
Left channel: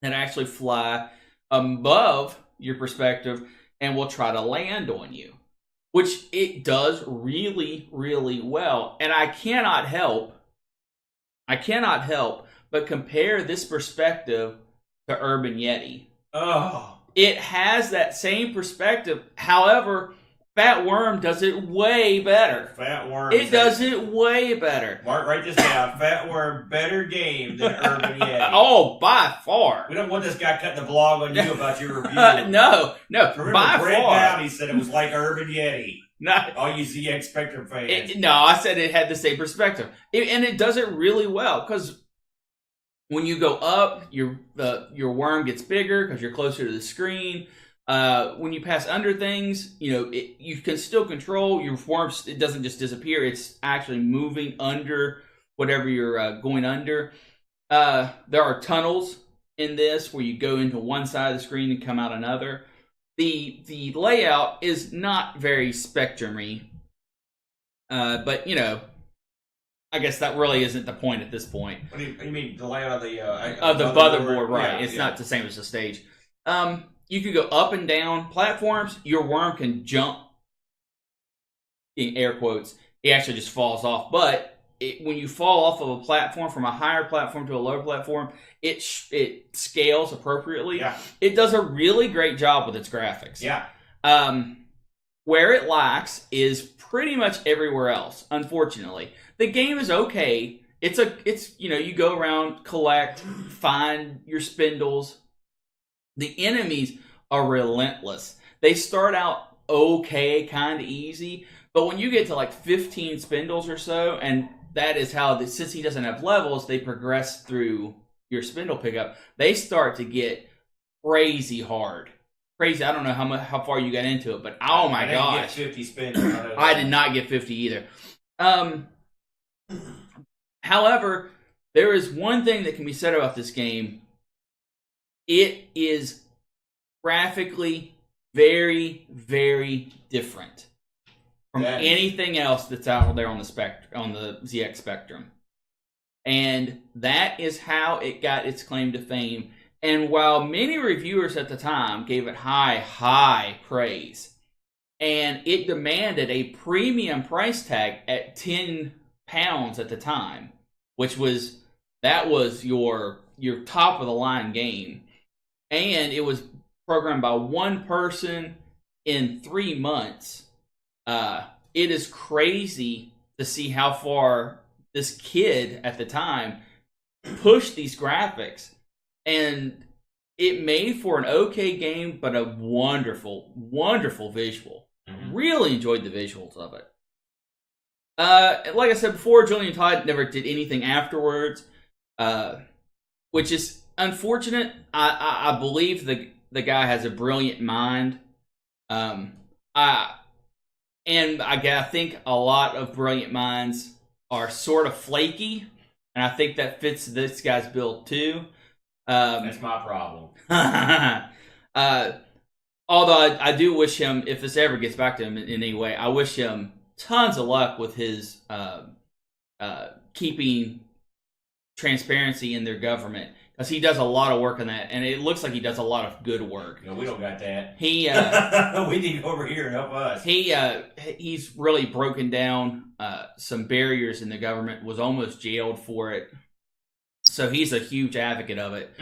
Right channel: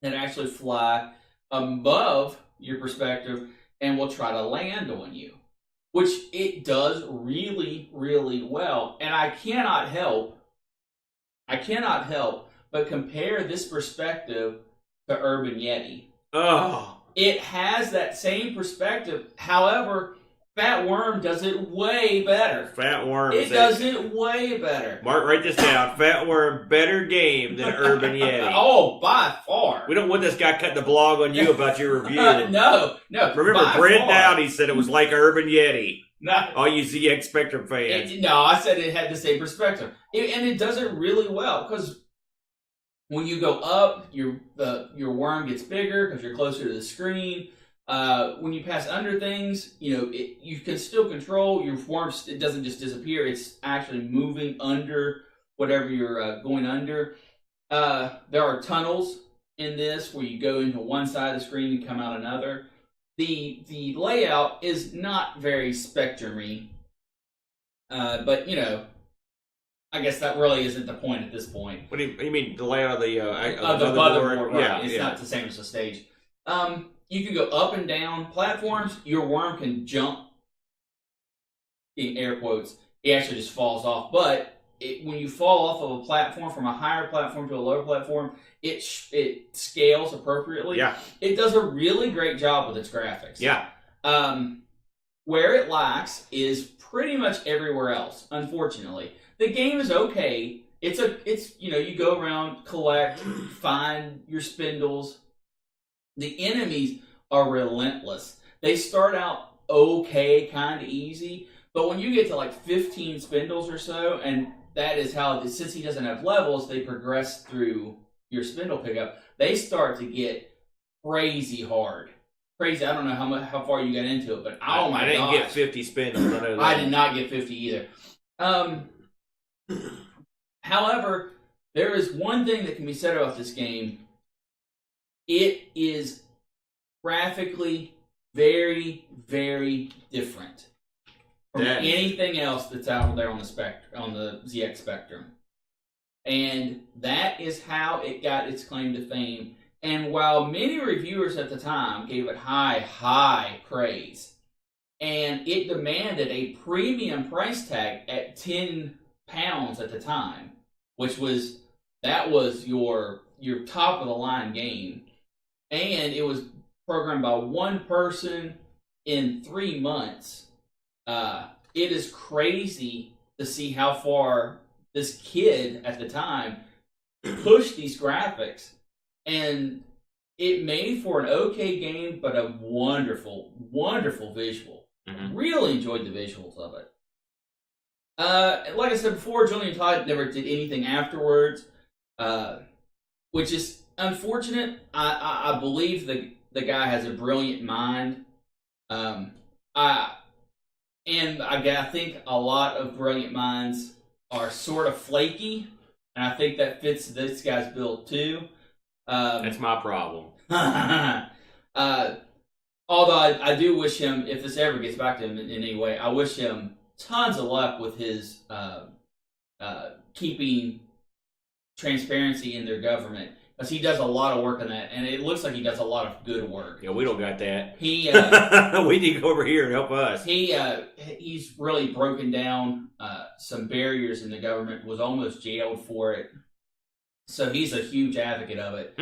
that actually fly above your perspective and will try to land on you. Which it does really, really well. And I cannot help but compare this perspective to Urban Yeti. Oh. It has that same perspective. However... Fat Worm does it way better. Fat Worm. It does it way better. Mark, write this down. Fat Worm, better game than Urban Yeti. Oh, by far. We don't want this guy cutting the blog on you about your review. No. Remember, Brent Downey said it was like Urban Yeti. All you ZX Spectrum fans. No, I said it had the same perspective. And it does it really well, because when you go up, your worm gets bigger because you're closer to the screen. When you pass under things, you can still control your worm. It doesn't just disappear. It's actually moving under whatever you're going under. There are tunnels in this where you go into one side of the screen and come out another. The layout is not very Spectrum-y. But, I guess that really isn't the point at this point. What do you mean, the layout of the motherboard? Right. Yeah, it's not the same as the stage. You can go up and down platforms. Your worm can jump, in air quotes. He actually just falls off. But when you fall off of a platform, from a higher platform to a lower platform, it scales appropriately. Yeah. It does a really great job with its graphics. Yeah. Where it lacks is pretty much everywhere else, unfortunately. The game is okay. It's you go around, collect, find your spindles. The enemies are relentless. They start out okay, kind of easy, but when you get to like 15 spindles or so, and that is how, since he doesn't have levels, they progress through your spindle pickup, they start to get crazy hard. Crazy. I don't know how far you got into it, but oh my god, I didn't get 50 spindles. I did not get 50 either. However, there is one thing that can be said about this game. It is graphically very, very different from anything else that's out there on the ZX Spectrum. And that is how it got its claim to fame. And while many reviewers at the time gave it high praise, and it demanded a premium price tag at £10 at the time, which was your top of the line game, and it was programmed by one person in 3 months. It is crazy to see how far this kid at the time pushed these graphics, and it made for an okay game, but a wonderful, wonderful visual. Mm-hmm. Really enjoyed the visuals of it. Like I said before, Julian Todd never did anything afterwards, which is unfortunate. I believe the guy has a brilliant mind. I think a lot of brilliant minds are sort of flaky, and I think that fits this guy's build too. That's my problem. Although I do wish him, if this ever gets back to him in any way, I wish him tons of luck with his keeping transparency in their government, because he does a lot of work on that, and it looks like he does a lot of good work. Yeah, we don't got that. He we need to go over here and help us. He's really broken down some barriers in the government, was almost jailed for it. So he's a huge advocate of it.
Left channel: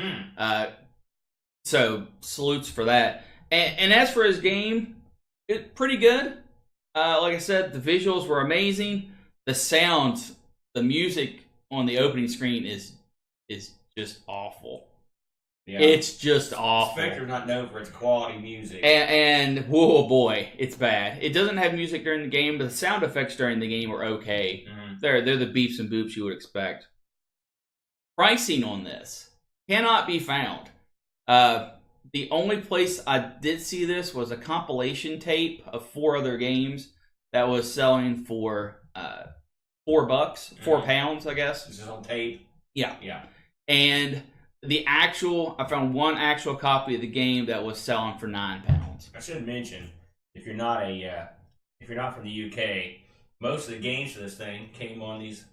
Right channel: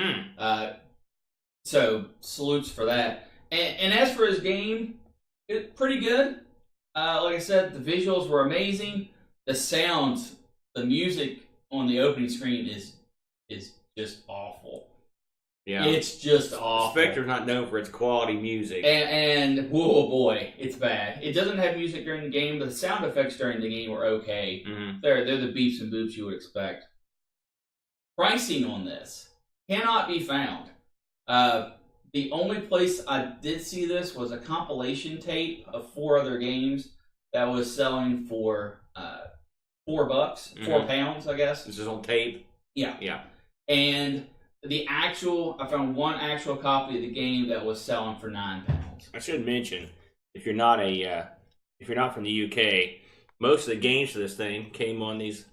So salutes for that. And as for his game, it's pretty good. Like I said, the visuals were amazing. The sounds, the music on the opening screen is just awful. Yeah, it's just awful. Spectre's not known for its quality music. And whoa boy, it's bad. It doesn't have music during the game, but the sound effects during the game are okay. Mm-hmm. They're the beeps and boops you would expect. Pricing on this cannot be found. The only place I did see this was a compilation tape of 4 other games that was selling for $4, £4, I guess. This is on tape? Yeah. And I found one actual copy of the game that was selling for £9. I should mention, if you're not from the UK, most of the games for this thing came on these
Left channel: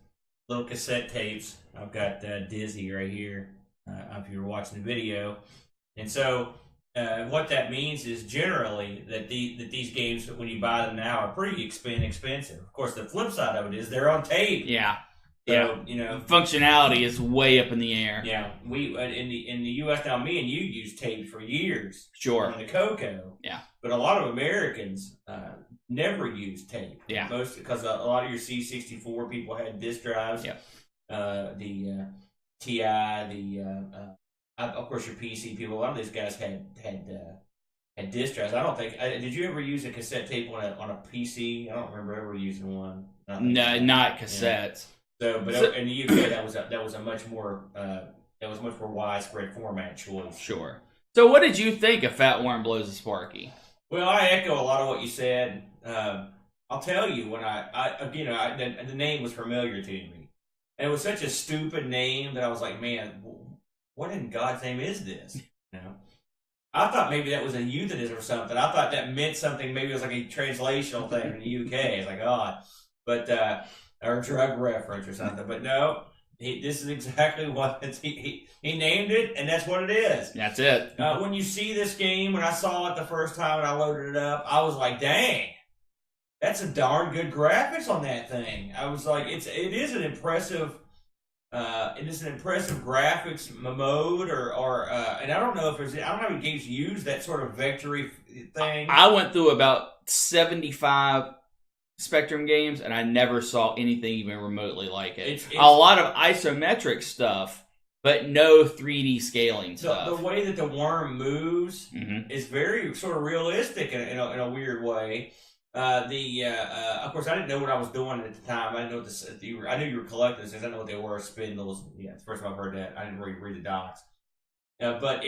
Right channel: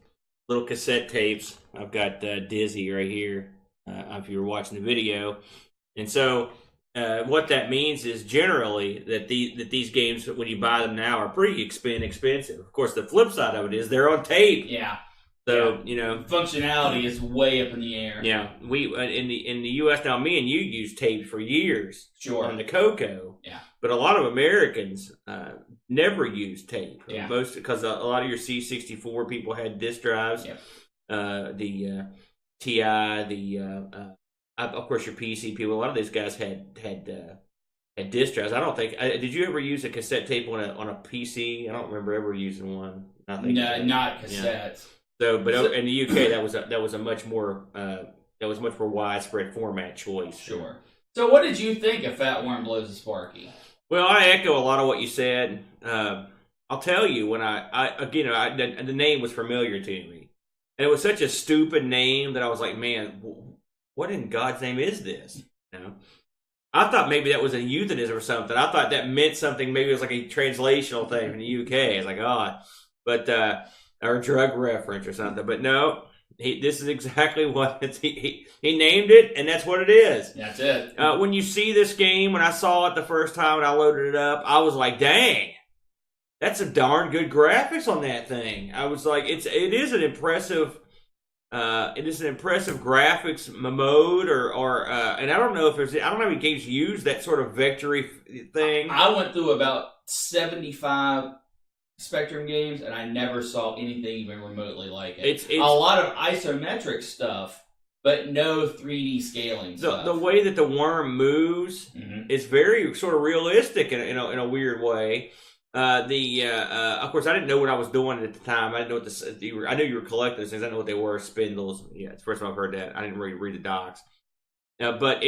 little cassette tapes. I've got Dizzy right here, if you were watching the video. And so what that means is generally that these games, when you buy them now, are pretty expensive. Of course, the flip side of it is they're on tape. Yeah. So, functionality is way up in the air. Yeah. We in the US now, me and you used tapes for years. Sure. On the Coco. Yeah. But a lot of Americans never used tape. Yeah. Most because a lot of your C64 people had disk drives. Yep. The TI, of course, your PC people. A lot of these guys had disk drives. I don't think. Did you ever use a cassette tape on a PC? I don't remember ever using one. No, not cassettes. So, but in the UK, that was a much more widespread format choice. Sure. So, what did you think of Fat Warren Blows a Sparky? Well, I echo a lot of what you said. I'll tell you, when the name was familiar to me, and it was such a stupid name that I was like, man, what in God's name is this? I thought maybe that was a euphemism or something. I thought that meant something. Maybe it was like a translational thing from the UK. It's like, or a drug reference or something. But no, this is exactly what he named it, and that's what it is. That's it. When you see this game, when I saw it the first time and I loaded it up, I was like, dang, that's a darn good graphics on that thing. I was like, it is an impressive graphics mode, and I don't know if I don't know if any games use that sort of vectory thing. I went through about 75 Spectrum games, and I never saw anything even remotely like it. It's a lot of isometric stuff, but no 3D scaling stuff. The way that the worm moves is very sort of realistic in a weird way. Of course, I didn't know what I was doing at the time. I didn't know what I knew you were collecting those things. I didn't know what they were. Spindles. Yeah, it's the first time I've heard that. I didn't really read the docs. But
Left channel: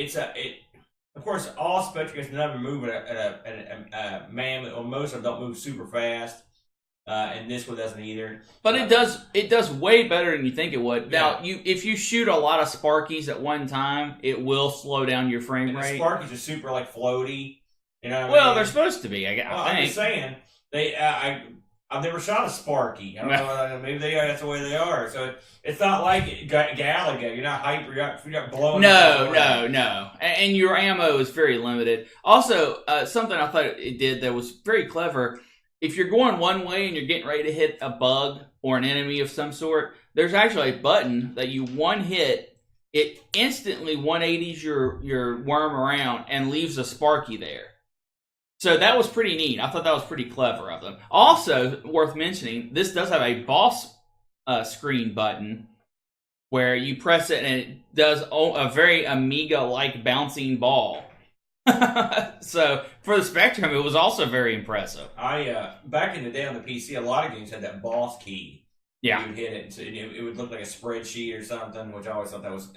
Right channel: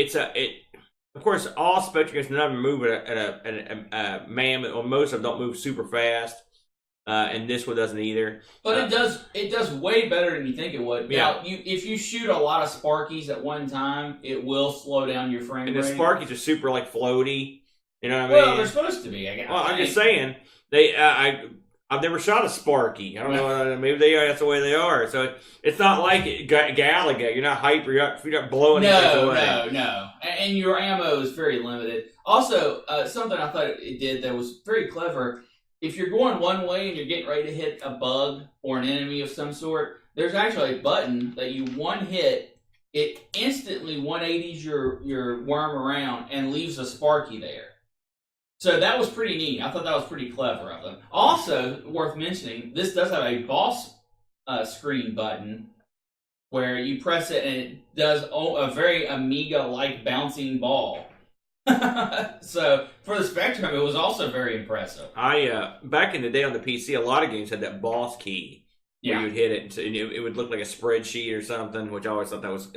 of course, all Spectrum games, none of them move at a man, or most of them don't move super fast. And this one doesn't either. But it does way better than you think it would. Yeah. Now, if you shoot a lot of Sparkies at one time, it will slow down your frame rate. And the Sparkies are super like floaty. You know what I mean? Well, they're supposed to be. I'm just saying I've never shot a Sparky. I don't know. Maybe that's the way they are. So it's not like Galaga. You're not hyper. You're not blowing. No. And your ammo is very limited. Also, something I thought it did that was very clever. If you're going one way and you're getting ready to hit a bug or an enemy of some sort, there's actually a button that you one hit, it instantly 180s your worm around and leaves a Sparky there. So that was pretty neat. I thought that was pretty clever of them. Also, worth mentioning, this does have a boss screen button where you press it and it does a very Amiga-like bouncing ball. So for the Spectrum, it was also very impressive. Back in the day on the PC, a lot of games had that boss key. Yeah, you'd hit it, and so it would look like a spreadsheet or something, which I always thought that was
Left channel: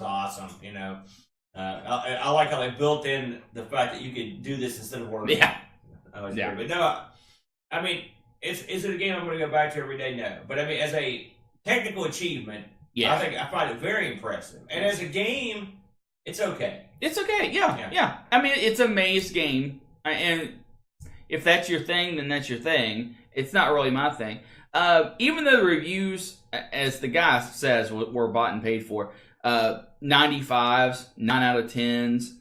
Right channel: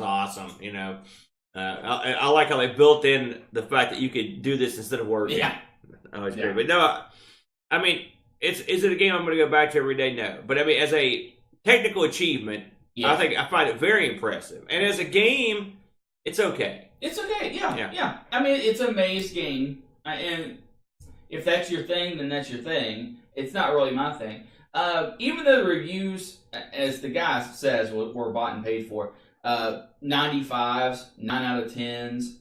awesome. You know, I like how they built in the fact that you could do this instead of working. Yeah, but no, I mean, is it a game I'm going to go back to every day? No, but I mean, as a technical achievement, I think I find it very impressive, and as a game, it's okay. It's okay, yeah. I mean, it's a maze game, and if that's your thing, then that's your thing. It's not really my thing. Even though the reviews, as the guy says, were bought and paid for, 95s, 9 out of 10s,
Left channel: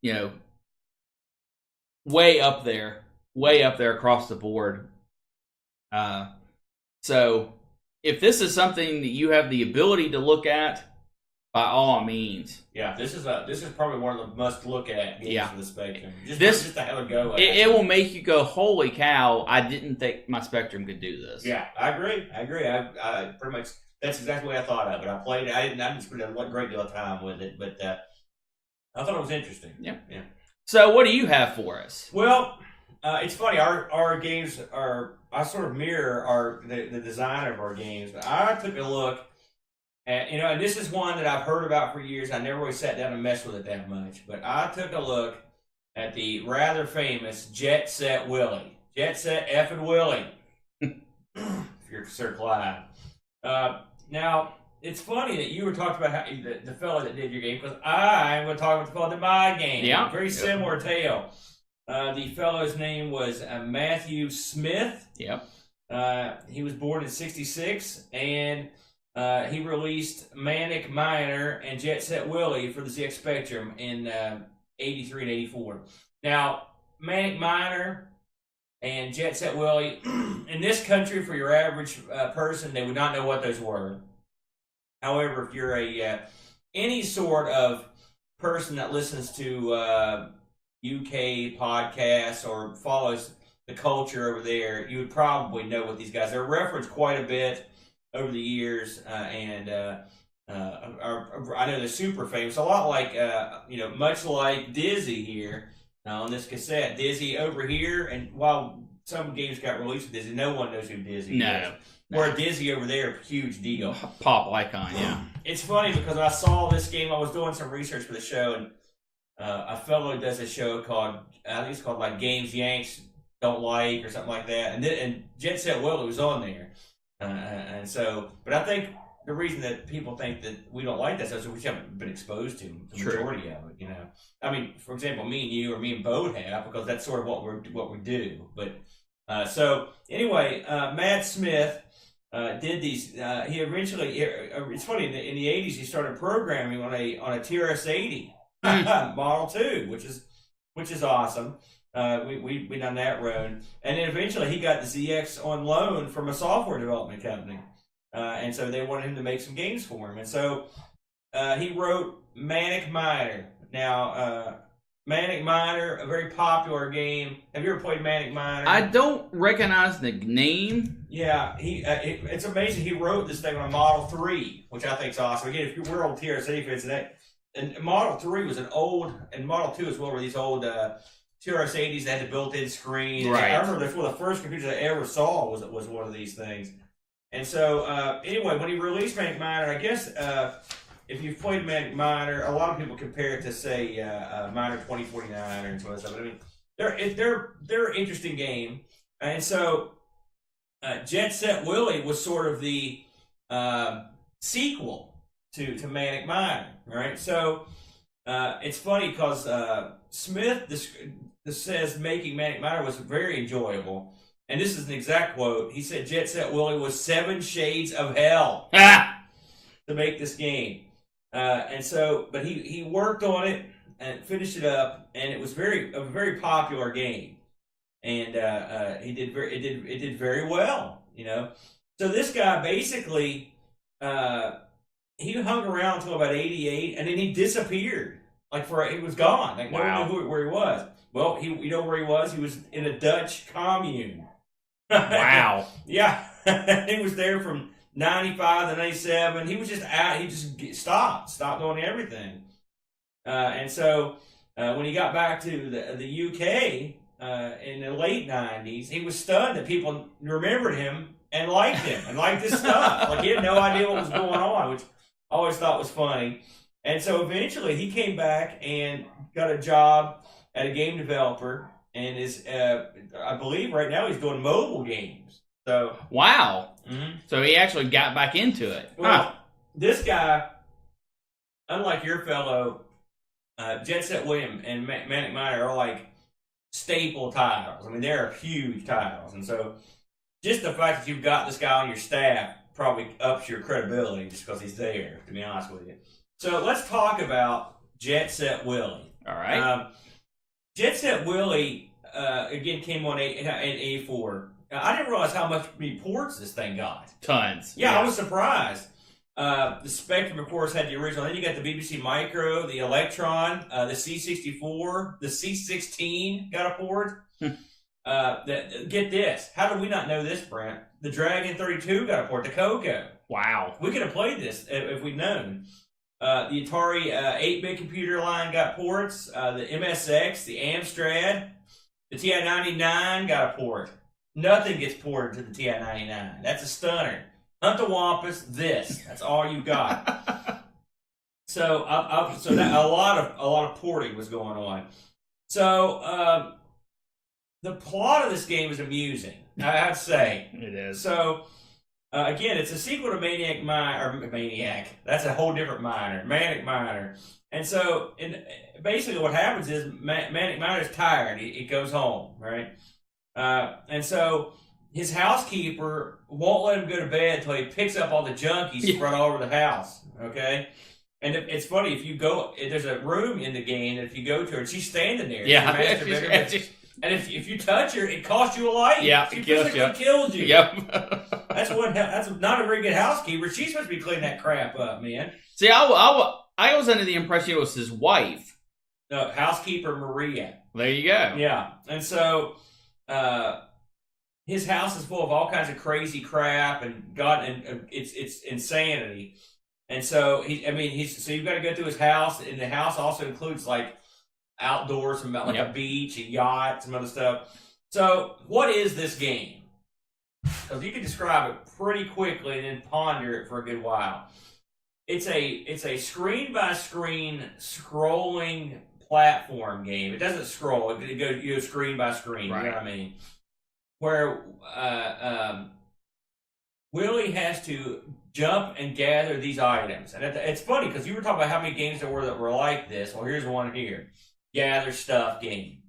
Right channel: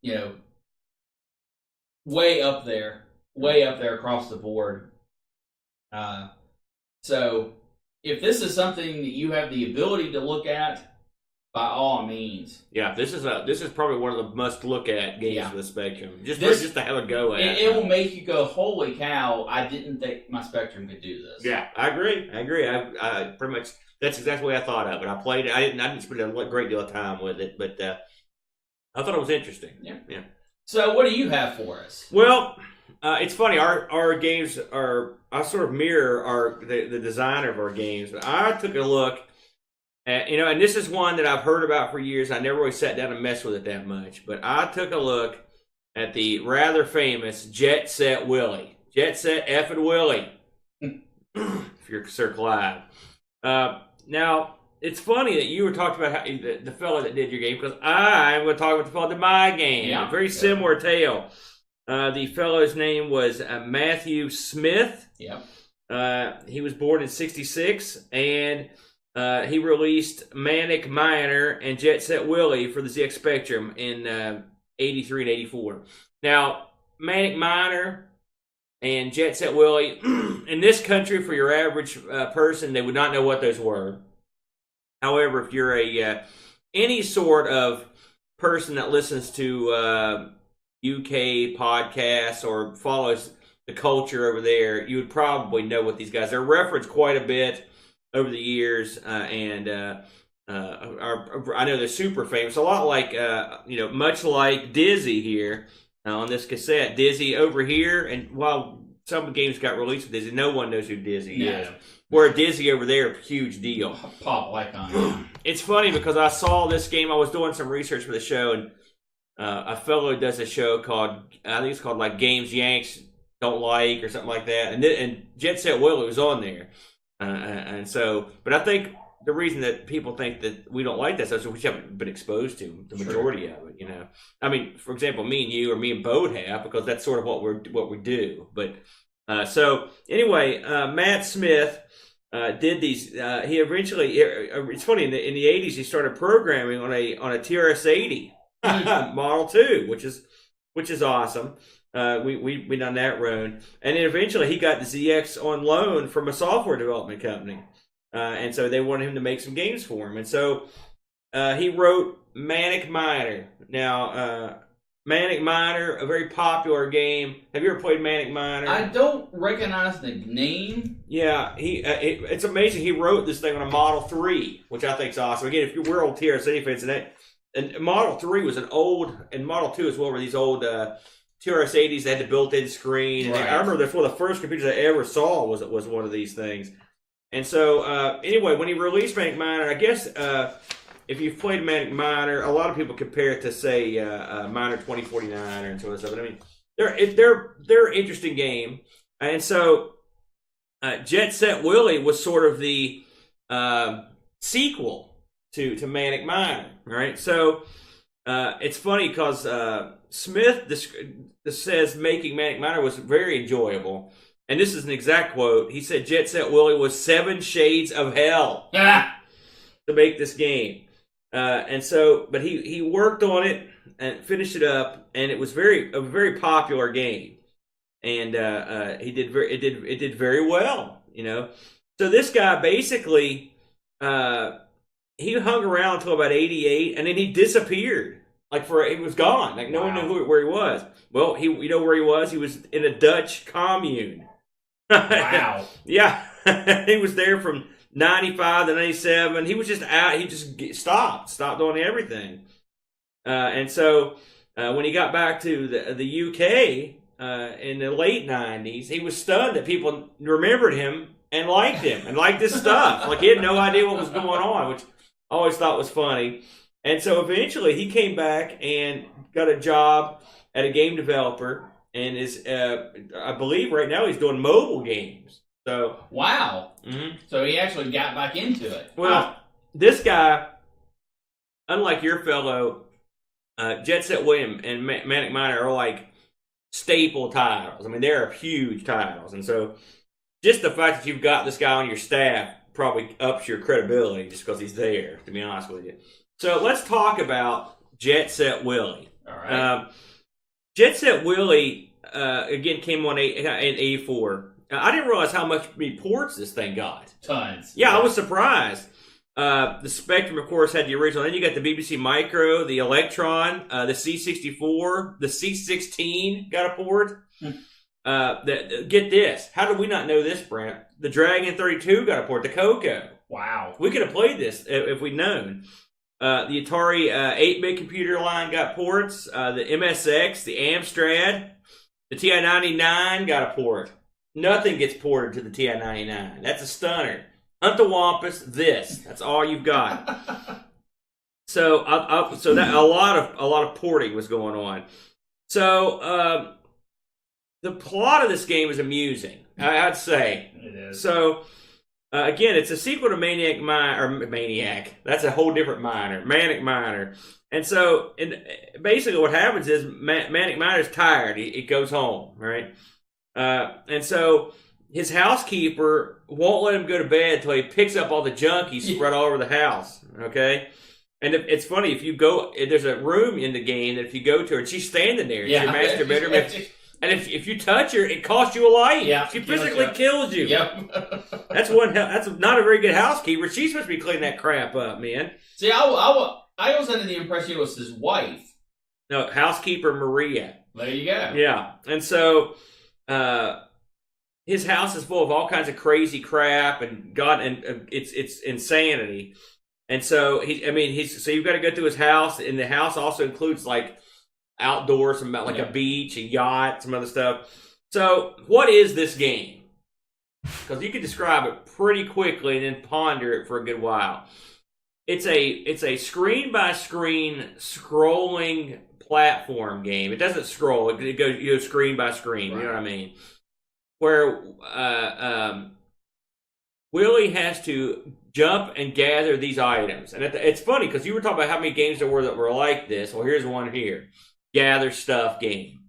you know, way up there across the board. So, if this is something that you have the ability to look at, by all means. Yeah, this is probably one of the must look at games of the Spectrum. Just to have a go at it will make you go, holy cow, I didn't think my Spectrum could do this. Yeah, I agree. I pretty much, that's exactly what I thought of it. I played it. I didn't spend a great deal of time with it, but I thought it was interesting. Yeah. So what do you have for us? Well, it's funny. Our games I sort of mirror the design of our games, but I took a look. And this is one that I've heard about for years. I never really sat down and messed with it that much. But I took a look at the rather famous Jet Set Willy. Jet Set effing Willy. If you're Sir Clyde. Now, it's funny that you were talking about how the fellow that did your game, because I'm going to talk about the fellow that did my game. Yeah. Very similar tale. The fellow's name was Matthew Smith. Yep. He was born in 1966, and he released Manic Miner and Jet Set Willy for the ZX Spectrum in 83 and 84. Now, Manic Miner and Jet Set Willy, in this country, for your average person, they would not know what those were. However, if you're any sort of person that listens to UK podcasts or follows the culture over there, you would probably know what these guys are. They're referenced quite a bit over the years, and I know they're super famous. A lot like, much like Dizzy here on this cassette. Dizzy over here, and while some games got released with Dizzy, no one knows who Dizzy is. Where Dizzy over there, huge deal. Pop icon, yeah. It's funny because I saw this game. I was doing some research for the show, and a fellow does a show called, I think it's called like Games Yanks Don't Like or something like that. And Jet Set Willy was on there. And so, but I think the reason that people think that we don't like that stuff is we haven't been exposed to the majority of it. I mean, for example, me and you or me and Bode have, because that's sort of what we do. But so anyway, Matt Smith did these. He eventually, it's funny, in the 80s he started programming on a TRS-80 Model 2, which is awesome. We done that road, and then eventually he got the ZX on loan from a software development company, and so they wanted him to make some games for him, and so he wrote Manic Miner. Now, Manic Miner, a very popular game. Have you ever played Manic Miner? I don't recognize the name. Yeah, it's amazing. He wrote this thing on a Model 3, which I think is awesome. Again, if we're old TRS-80 fans, and Model 3 was an old, and Model 2 as well, were these old TRS-80s that had the built-in screen. And Right. I remember that's one of the first computers I ever saw was one of these things. And so, anyway, when he released Manic Miner, I guess if you've played Manic Miner, a lot of people compare it to, say, Miner 2049 or so and stuff. But I mean, they're an interesting game. And so, Jet Set Willy was sort of the sequel to Manic Miner, right? So, it's funny because Smith says making Manic Miner was very enjoyable. And this is an exact quote. He said Jet Set Willy was 7 shades of hell to make this game. And so, but he worked on it and finished it up, and it was a very popular game. And it did very well, you know. So this guy basically he hung around until about 88, and then he disappeared. He was gone. Like no one knew where he was. Well, you know where he was? He was in a Dutch commune. Wow. Yeah. He was there from 95 to 97. He was just out. He just stopped doing everything. And so when he got back to the UK in the late 90s, he was stunned that people remembered him and liked him and liked his stuff. Like he had no idea what was going on, which I always thought was funny. And so eventually he came back and got a job at a game developer, and is I believe right now he's doing mobile games. So wow. Mm-hmm. So he actually got back into it. Well, this guy, unlike your fellow, Jet Set Willy and Manic Miner are like staple titles. I mean, they're huge titles, and so just the fact that you've got this guy on your staff probably ups your credibility just because he's there. To be honest with you. So let's talk about Jet Set Willy. All right. Jet Set Willy, again, came on in 84. I didn't realize how many ports this thing got. Tons. Yeah, I was surprised. The Spectrum, of course, had the original. Then you got the BBC Micro, the Electron, the C64, the C16 got a port. Get this. How did we not know this, Brent? The Dragon 32 got a port. The Coco. Wow. We could have played this if we'd known. The Atari 8-bit computer line got ports. The MSX, the Amstrad, the TI-99 got a port. Nothing gets ported to the TI-99. That's a stunner. Hunt the Wampus. That's all you've got. So, that a lot of porting was going on. So, the plot of this game is amusing. I'd say it is. So. Again, it's a sequel to Maniac. That's a whole different Miner. Manic Miner. And so, basically what happens is Manic Miner's tired. He goes home, right? And so his housekeeper won't let him go to bed until he picks up all the junk he's spread all over the house, okay? And it's funny, there's a room in the game that if you go to her, and she's standing there in the master bedroom. And if you touch her, it costs you a life. Yeah, she physically kills you. Yep. That's not a very good housekeeper. She's supposed to be cleaning that crap up, man. See, I was under the impression it was his wife. No, housekeeper Maria. There you go. Yeah, and so his house is full of all kinds of crazy crap and it's insanity. And so so you've got to go through his house, and the house also includes like outdoors, some like a beach, a yacht, some other stuff. So, what is this game? Because you can describe it pretty quickly and then ponder it for a good while. It's a screen by screen scrolling platform game. It doesn't scroll; it goes screen by screen. Right. You know what I mean? Where Willy has to jump and gather these items, and it's funny because you were talking about how many games there were that were like this. Well, here's one here. Gather stuff game.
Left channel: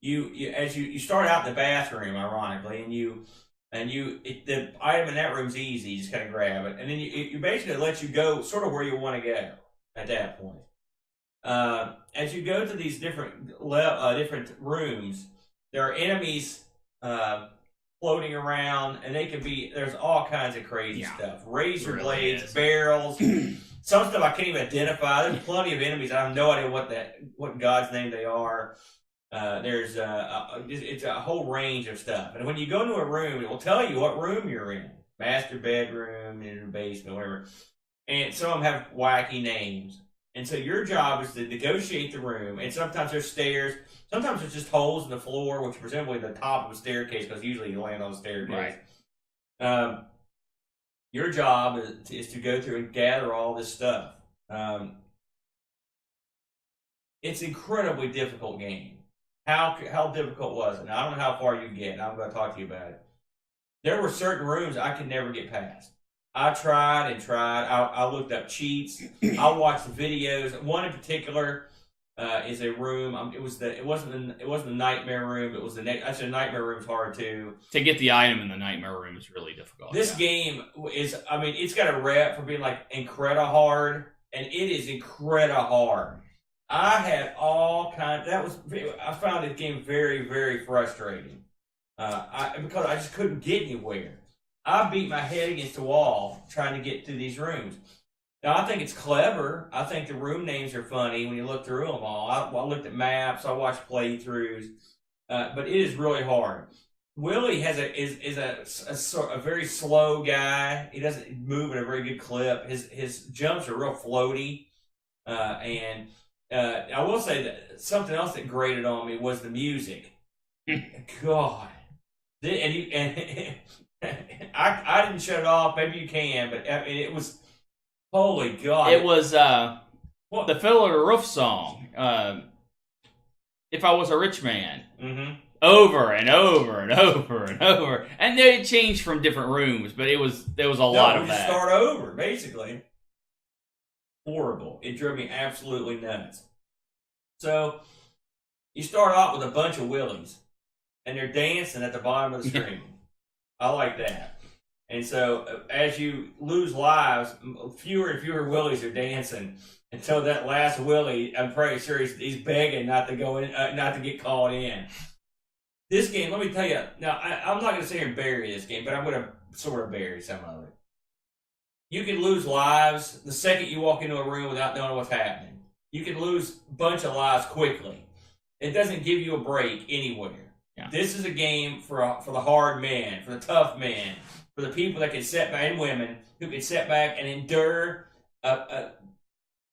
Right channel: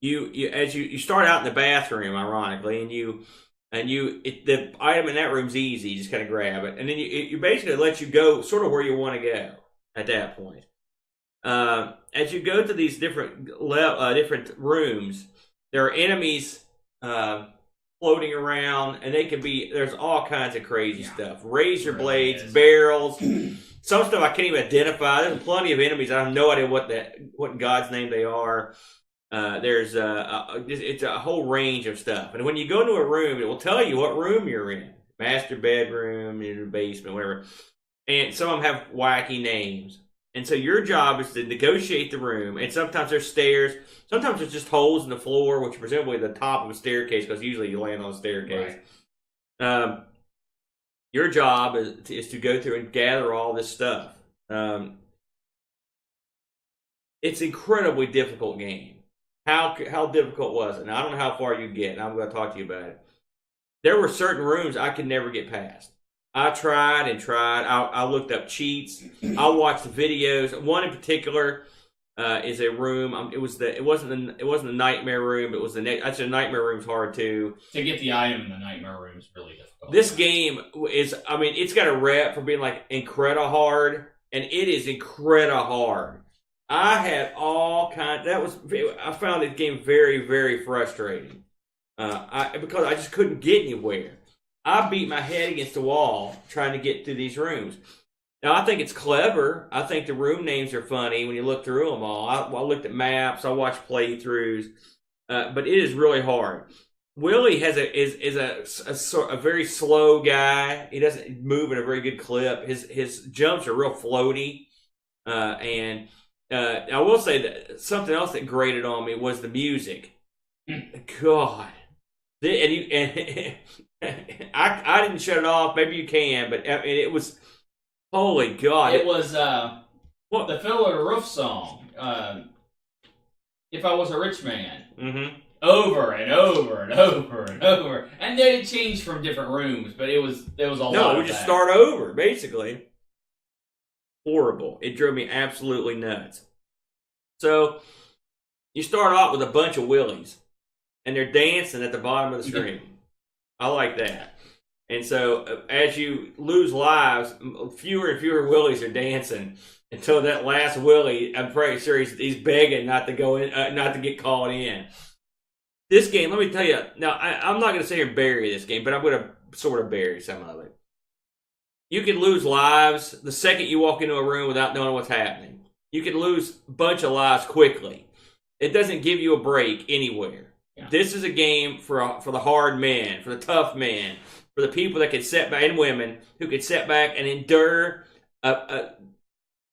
You start out in the bathroom, ironically, and the item in that room's easy. You just kind of grab it, and then you basically let you go sort of where you want to go at that point. As you go to these different rooms, there are enemies floating around, and there's all kinds of crazy stuff. Razor blades, barrels. Some stuff I can't even identify. There's plenty of enemies. I have no idea what in God's name they are. There's it's a whole range of stuff. And when you go into a room, it will tell you what room you're in. Master bedroom, in the basement, whatever. And some of them have wacky names. And so your job is to negotiate the room, and sometimes there's stairs, sometimes there's just holes in the floor, which are presumably the top of a staircase, because usually you land on a staircase. Right. Your job is to go through and gather all this stuff. It's an incredibly difficult game. How difficult was it? Now, I don't know how far you get, and I'm going to talk to you about it. There were certain rooms I could never get past. I tried and tried. I looked up cheats. I watched videos. One in particular is a room. It wasn't the nightmare room. It was the next. Actually, the nightmare room's hard too. To get the item in the nightmare room is really difficult. This game is. I mean, it's got a rep for being like incredible hard, and it is incredible hard. I had all kinds. I found the game very, very frustrating. Because I just couldn't get anywhere. I beat my head against the wall trying to get through these rooms. Now, I think it's clever. I think the room names are funny when you look through them all. I looked at maps. I watched playthroughs. But it is really hard. Willie is a very slow guy. He doesn't move at a very good clip. His jumps are real floaty. And I will say that something else that grated on me was the music. God. I didn't shut it off. Maybe you can, but I mean, it was holy God. It was the Fiddler Roof song. If I Was a Rich Man, over and over and over and over, and then it changed from different rooms, but there was a lot of we just that. Start over basically. Horrible. It drove me absolutely nuts. So you start off with a bunch of Willies, and they're dancing at the bottom of the screen. I like that. And so as you lose lives, fewer and fewer Willies are dancing until that last Willie, I'm pretty sure he's begging not to go in, not to get called in. This game, let me tell you, now I'm not going to sit here and bury this game, but I'm going to sort of bury some of it. You can lose lives the second you walk into a room without knowing what's happening. You can lose a bunch of lives quickly. It doesn't give you a break anywhere. Yeah. This is a game for the hard men, for the tough men, for the people that can sit back, and women who can sit back and endure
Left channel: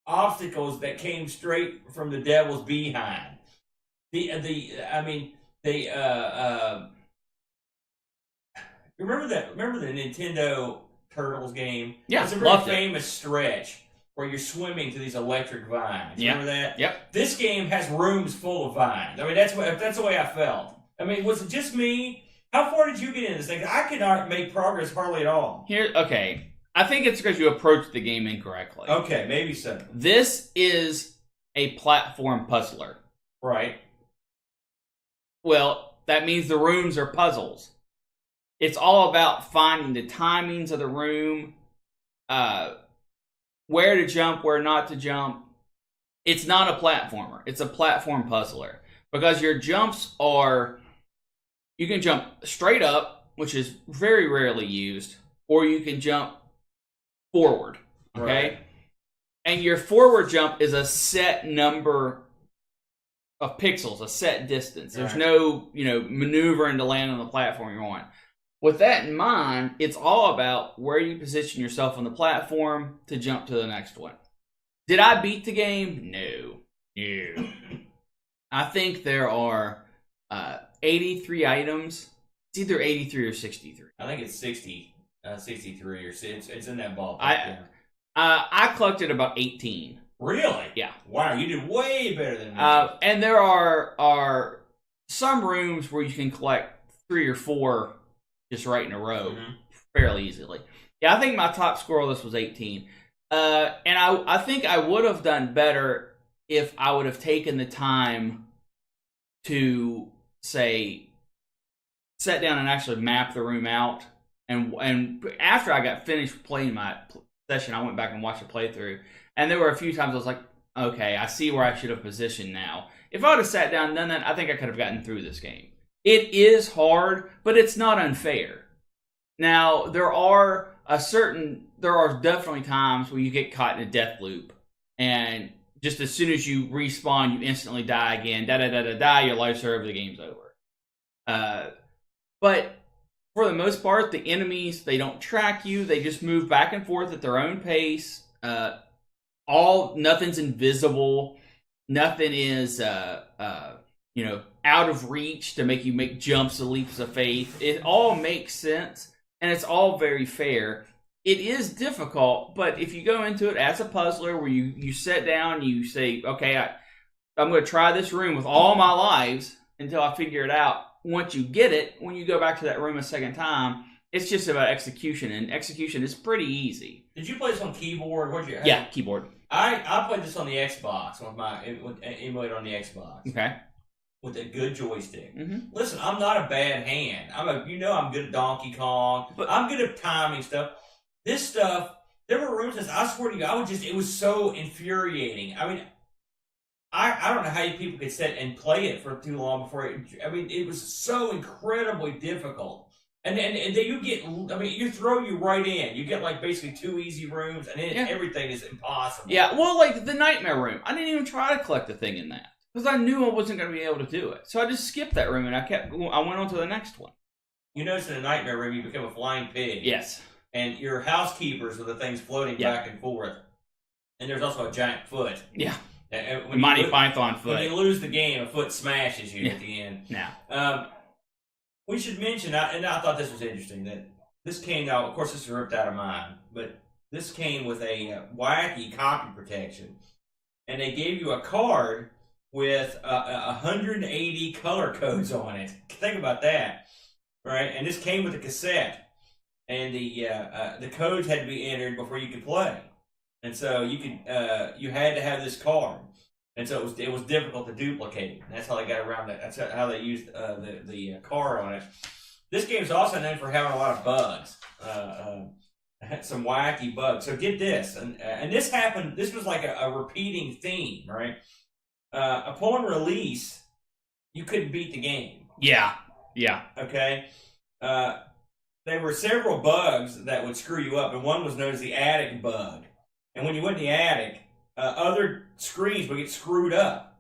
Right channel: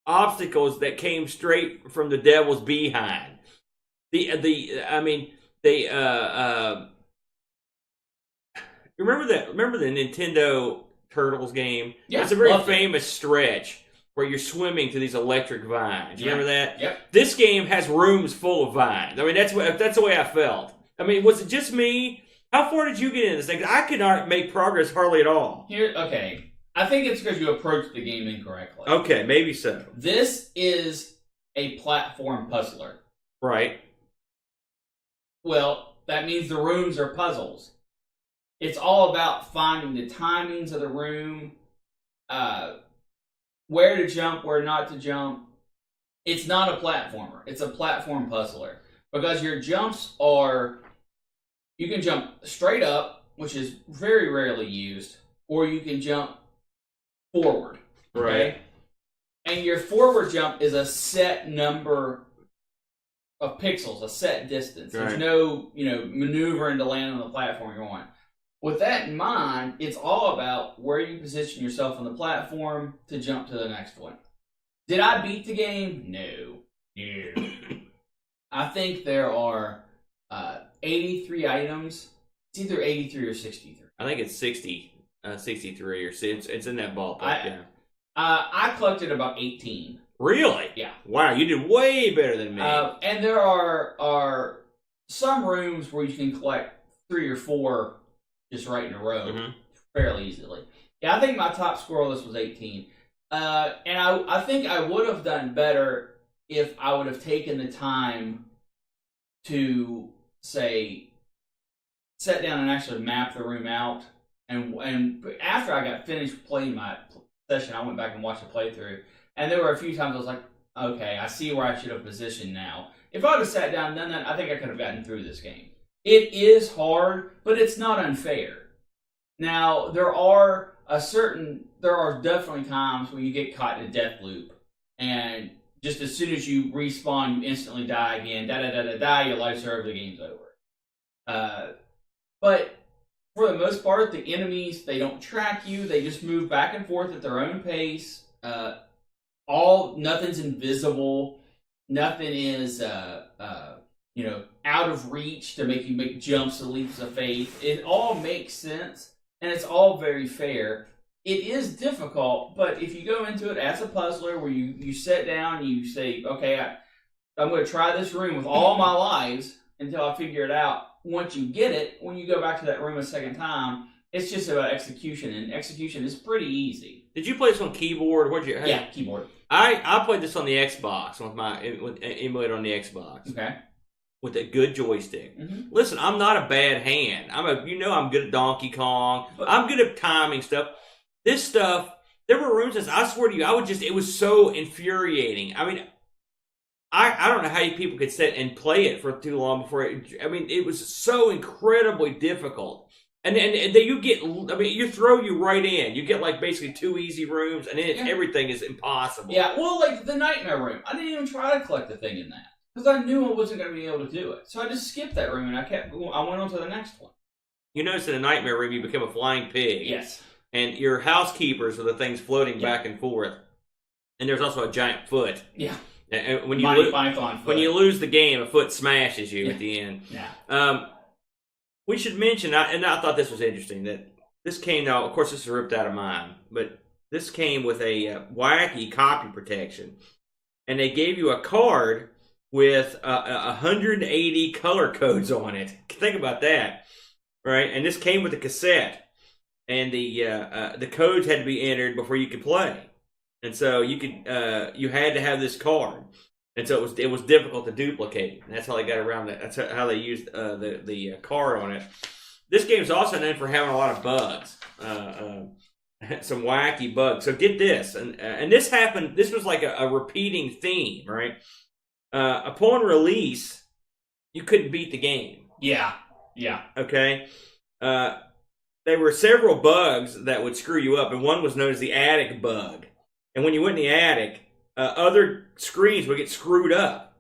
obstacles that came straight from the devil's behind. Remember the Nintendo Turtles game? Yeah, it's a very famous stretch where you're swimming to these electric vines. Remember that? Yep. This game has rooms full of vines. I mean, that's the way I felt. I mean, was it just me? How far did you get into this thing? I could not make progress hardly at all. Okay. I think it's because you approached the game incorrectly. Okay, maybe so. This is a platform puzzler. Right. Well, that means the rooms are puzzles. It's all about finding the timings of the room, where to jump, where not to jump. It's not a platformer. It's a platform puzzler. Because your jumps are... You can jump straight up, which is very rarely used, or you can jump forward. Okay? Right. And your forward jump is a set number of pixels, a set distance. There's no, maneuvering to land on the platform you're on. With that in mind, it's all about where you position yourself on the platform to jump to the next one. Did I beat the game? No. I think there are 83 items. It's either 83 or 63. I think it's 63 or it's in that ballpark. I collected about 18. Really? Yeah. Wow, you did way better than me. And there are some rooms where you can collect 3 or 4 just right in a row fairly easily. Yeah, I think my top score on this was 18. And I think I would have done better if I would have taken the time to, say, sit down and actually map the room out. And after I got finished playing my session, I went back and watched the playthrough. And there were a few times I was like, okay, I see where I should have positioned now. If I would have sat down and done that, I think I could have gotten through this game. It is hard, but it's not unfair. Now, there are definitely times where you get caught in a death loop. And just as soon as you respawn, you instantly die again. Your life's over, the game's over. But for the most part, the enemies, they don't track you. They just move back and forth at their own pace. nothing's invisible, nothing is out of reach to make you make jumps or leaps of faith. It all makes sense, and it's all very fair. It is difficult, but if you go into it as a puzzler, where you sit down and you say, okay, I'm going to try this room with all my lives until I figure it out. Once you get it, when you go back to that room a second time, it's just about execution, and execution is pretty easy. Did you play this on keyboard? Yeah, keyboard. I played this on the Xbox with emulator on the Xbox. Okay. With a good joystick. Mm-hmm. Listen, I'm not a bad hand. I'm good at Donkey Kong. I'm good at timing stuff. This stuff, there were rooms that I swear to you, it was so infuriating. I mean, I don't know how you people could sit and play it for too long before it was so incredibly difficult. And then you throw you right in. You get like basically 2 easy rooms, and then everything is impossible. Yeah, well, like the Nightmare Room. I didn't even try to collect the thing in that, because I knew I wasn't going to be able to do it. So I just skipped that room, and I went on to the next one. You notice in the Nightmare Room, you become a flying pig. Yes. And your housekeepers are the things floating back and forth. And there's also a giant foot. Yeah. And Python foot. When you lose the game, a foot smashes you at the end. Yeah. We should mention, and I thought this was interesting, that this came, now, of course, this is ripped out of mine, but this came with a wacky copy protection. And they gave you a card with 180 color codes on it. Think about that, right? And this came with a cassette. And the codes had to be entered before you could play, and so you had to have this card, and so it was difficult to duplicate. And that's how they got around it. That's how they used the card on it. This game is also known for having a lot of bugs, some wacky bugs. So get this, and this happened. This was like a repeating theme, right? Upon release, you couldn't beat the game. Yeah. Okay. There were several bugs that would screw you up, and one was known as the attic bug. And when you went in the attic, other screens would get screwed up,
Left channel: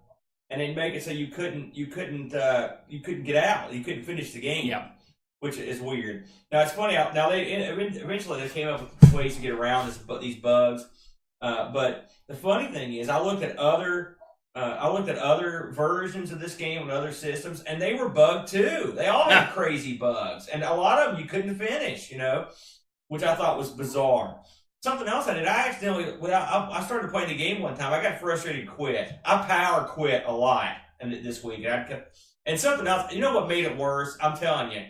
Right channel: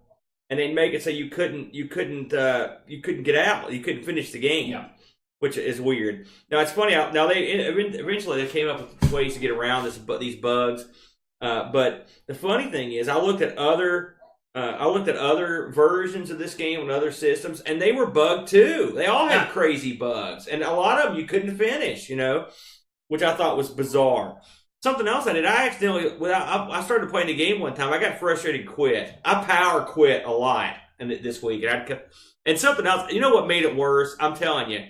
and they'd make it so you couldn't get out, you couldn't finish the game, which is weird. Now it's funny. Now eventually they came up with ways to get around these bugs, but the funny thing is, I looked at other versions of this game on other systems, and they were bugged too. They all had crazy bugs, and a lot of them you couldn't finish, which I thought was bizarre. Something else I did, I started playing the game one time. I got frustrated and quit. I power quit a lot this week. And something else, you know what made it worse? I'm telling you,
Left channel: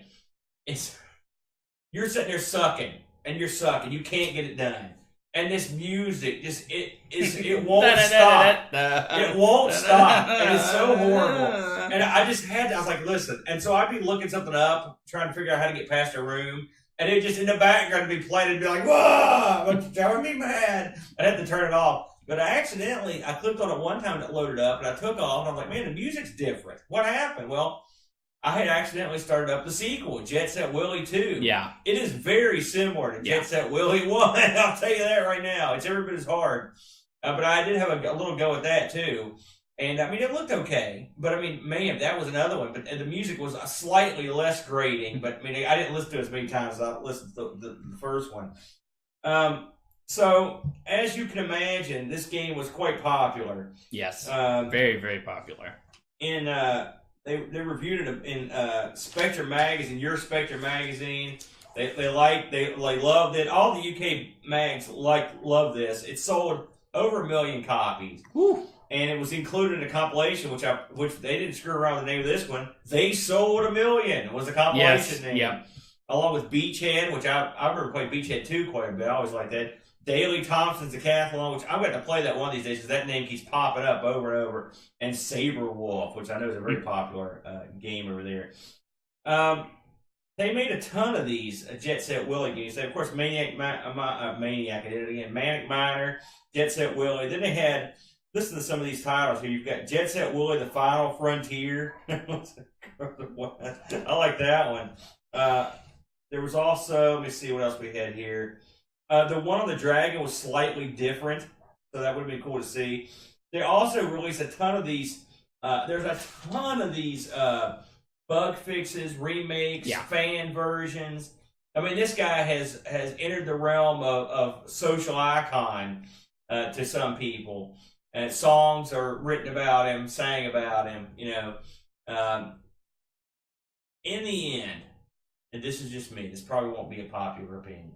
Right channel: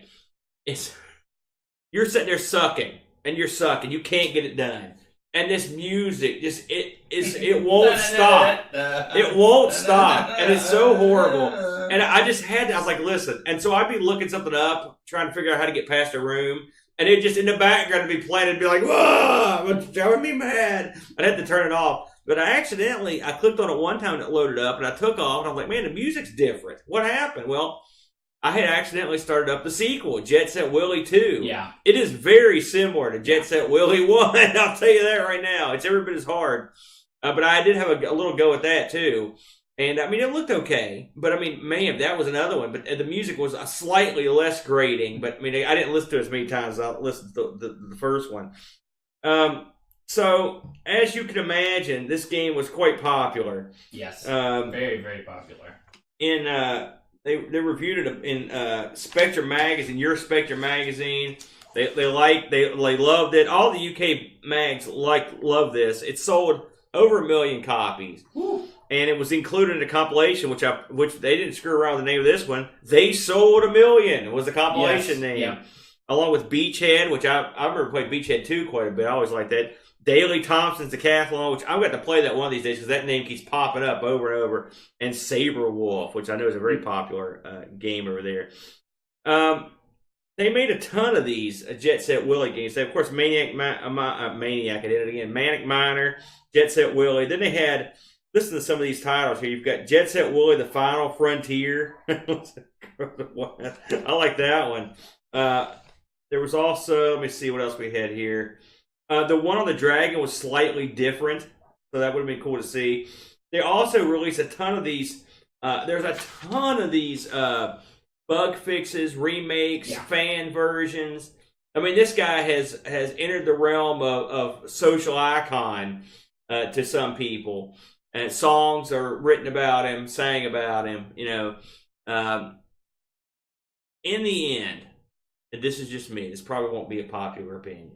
you're sitting there sucking, and you're sucking. You can't get it done. And this music it won't stop. It won't stop. And it's so horrible. And I was like, listen. And so I'd be looking something up, trying to figure out how to get past a room. And it just in the background would be playing and be like, whoa, it's driving me mad. I'd have to turn it off. But I clicked on it one time and it loaded up, and I took off, and I was like, man, the music's different. What happened? Well, I had accidentally started up the sequel, Jet Set Willy 2. Yeah. It is very similar to Jet Set Willy 1. I'll tell you that right now. It's every bit as hard. But I did have a little go at that, too. And, it looked okay. But, man, that was another one. But the music was slightly less grating. But, I didn't listen to it as many times as I listened to the first one. So, as you can imagine, this game was quite popular. Yes. Very, very popular. They reviewed it in Spectre magazine, Your Spectre magazine. They loved it. All the UK mags love this. It sold over 1 million copies. Woo. And it was included in a compilation, which they didn't screw around with the name of this one. They Sold 1 Million was the compilation name. Yeah. Along with Beachhead, which I remember playing Beachhead 2 quite a bit. I always liked that. Daley Thompson's Decathlon, which I'm going to play that one of these days because that name keeps popping up over and over. And Saber Wolf, which I know is a very popular game over there. They made a ton of these Jet Set Willy games. They, of course, Manic Miner, Jet Set Willy. Then they had, listen to some of these titles here. You've got Jet Set Willy, The Final Frontier. I like that one. There was also, let me see what else we had here. The one on the dragon was slightly different, so that would have been cool to see. They also released a ton of these. There's a ton of these bug fixes, remakes, fan versions. This guy has entered the realm of social icon to some people, and songs are written about him, sang about him. In the end, and this is just me. This probably won't be a popular opinion.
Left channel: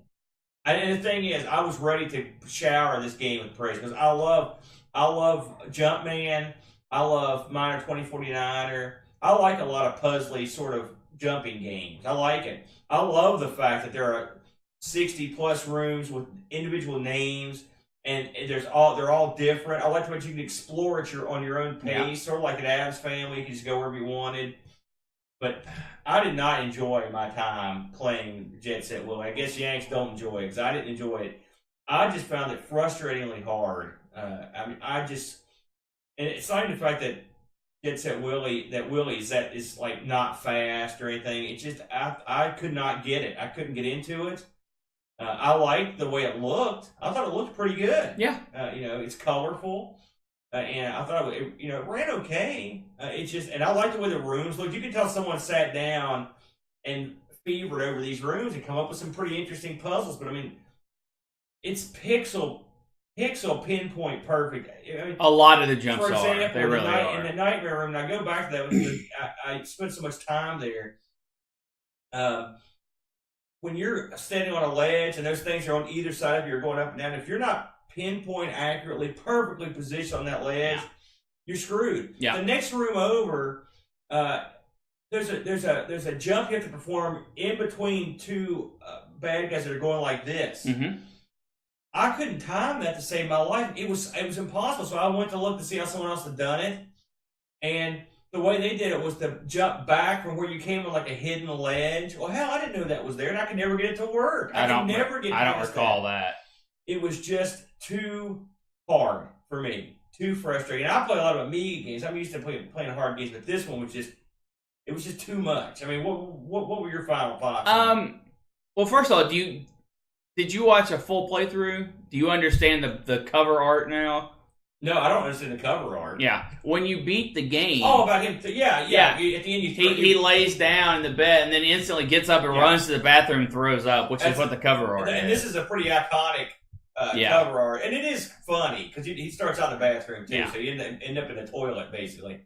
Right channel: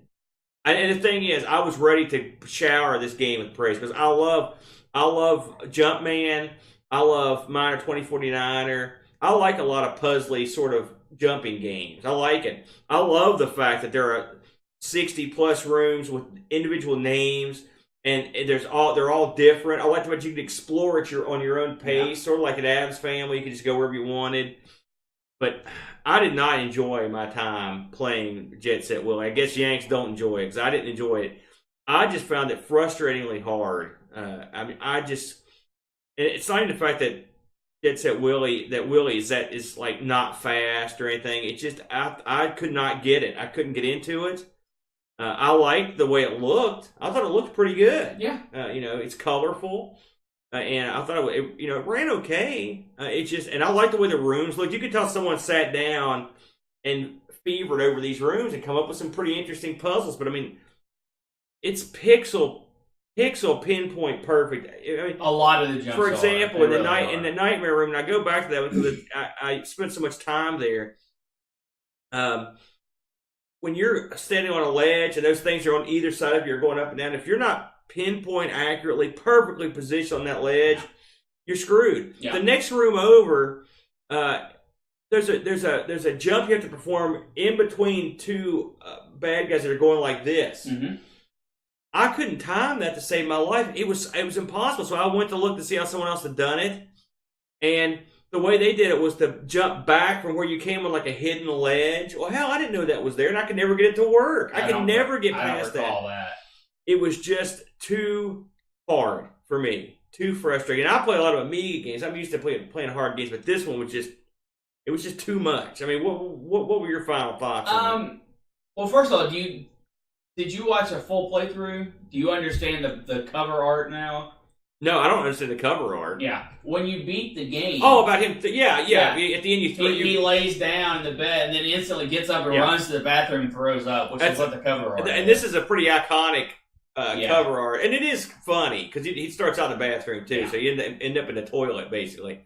And the thing is, I was ready to shower this game with praise because I love Jumpman. I love Miner 2049er. I like a lot of puzzly sort of jumping games. I like it. I love the fact that there are 60 plus rooms with individual names, and they're all different. I like what you can explore on your own pace, sort of like an Addams Family. You can just go wherever you wanted. But I did not enjoy my time playing Jet Set Willy. I guess Yanks don't enjoy it because I didn't enjoy it. I just found it frustratingly hard. It's not even the fact that Jet Set Willy, is like not fast or anything. It's just I could not get it. I couldn't get into it. I liked the way it looked. I thought it looked pretty good. Yeah. It's colorful. And I thought it ran okay. And I like the way the rooms looked. You could tell someone sat down and fevered over these rooms and come up with some pretty interesting puzzles. But I mean, it's pixel pinpoint perfect. I mean, a lot of the jumps. For example, in the nightmare room, and I go back to that because I spent so much time there. When you're standing on a ledge and those things are on either side of you, you're going up and down. If you're not pinpoint accurately, perfectly positioned on that ledge, you're screwed. Yeah. The next room over, there's a jump you have to perform in between two bad guys that are going like this. Mm-hmm. I couldn't time that to save my life. It was impossible. So I went to look to see how someone else had done it, and the way they did it was to jump back from where you came on like a hidden ledge. Well, hell, I didn't know that was there, and I could never get it to work. I could never get past that. I don't recall that. It was just too hard for me, too frustrating. I play a lot of Amiga games. I'm used to playing hard games, but this one was just too much. I mean, what were your final thoughts? Well, first of all, did you watch a full playthrough? Do you understand the cover art now? No, I don't understand the cover art. Yeah, when you beat the game. Oh, about him. At the end, he lays down in the bed and then instantly gets up and runs to the bathroom and throws up, which is what the cover art. And this is a pretty iconic cover art, and it is funny because he starts out in the bathroom too, so you end up in the toilet basically.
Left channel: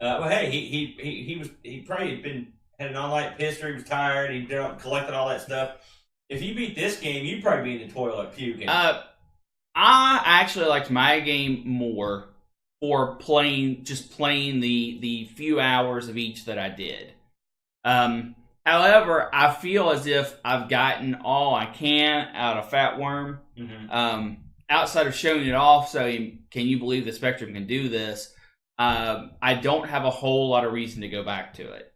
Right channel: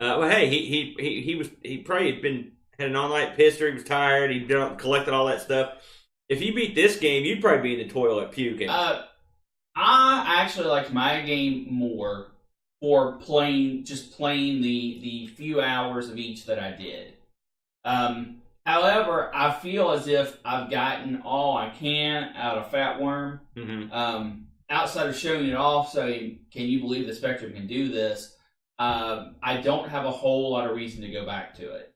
Well, hey, he probably had an all-night pisser. He was tired. He collected all that stuff. If you beat this game, you'd probably be in the toilet puking. I actually liked my game more for playing the few hours of each that I did. However, I feel as if I've gotten all I can out of Fat Worm. Mm-hmm. Outside of showing it off, saying, can you believe the Spectrum can do this? I don't have a whole lot of reason to go back to it.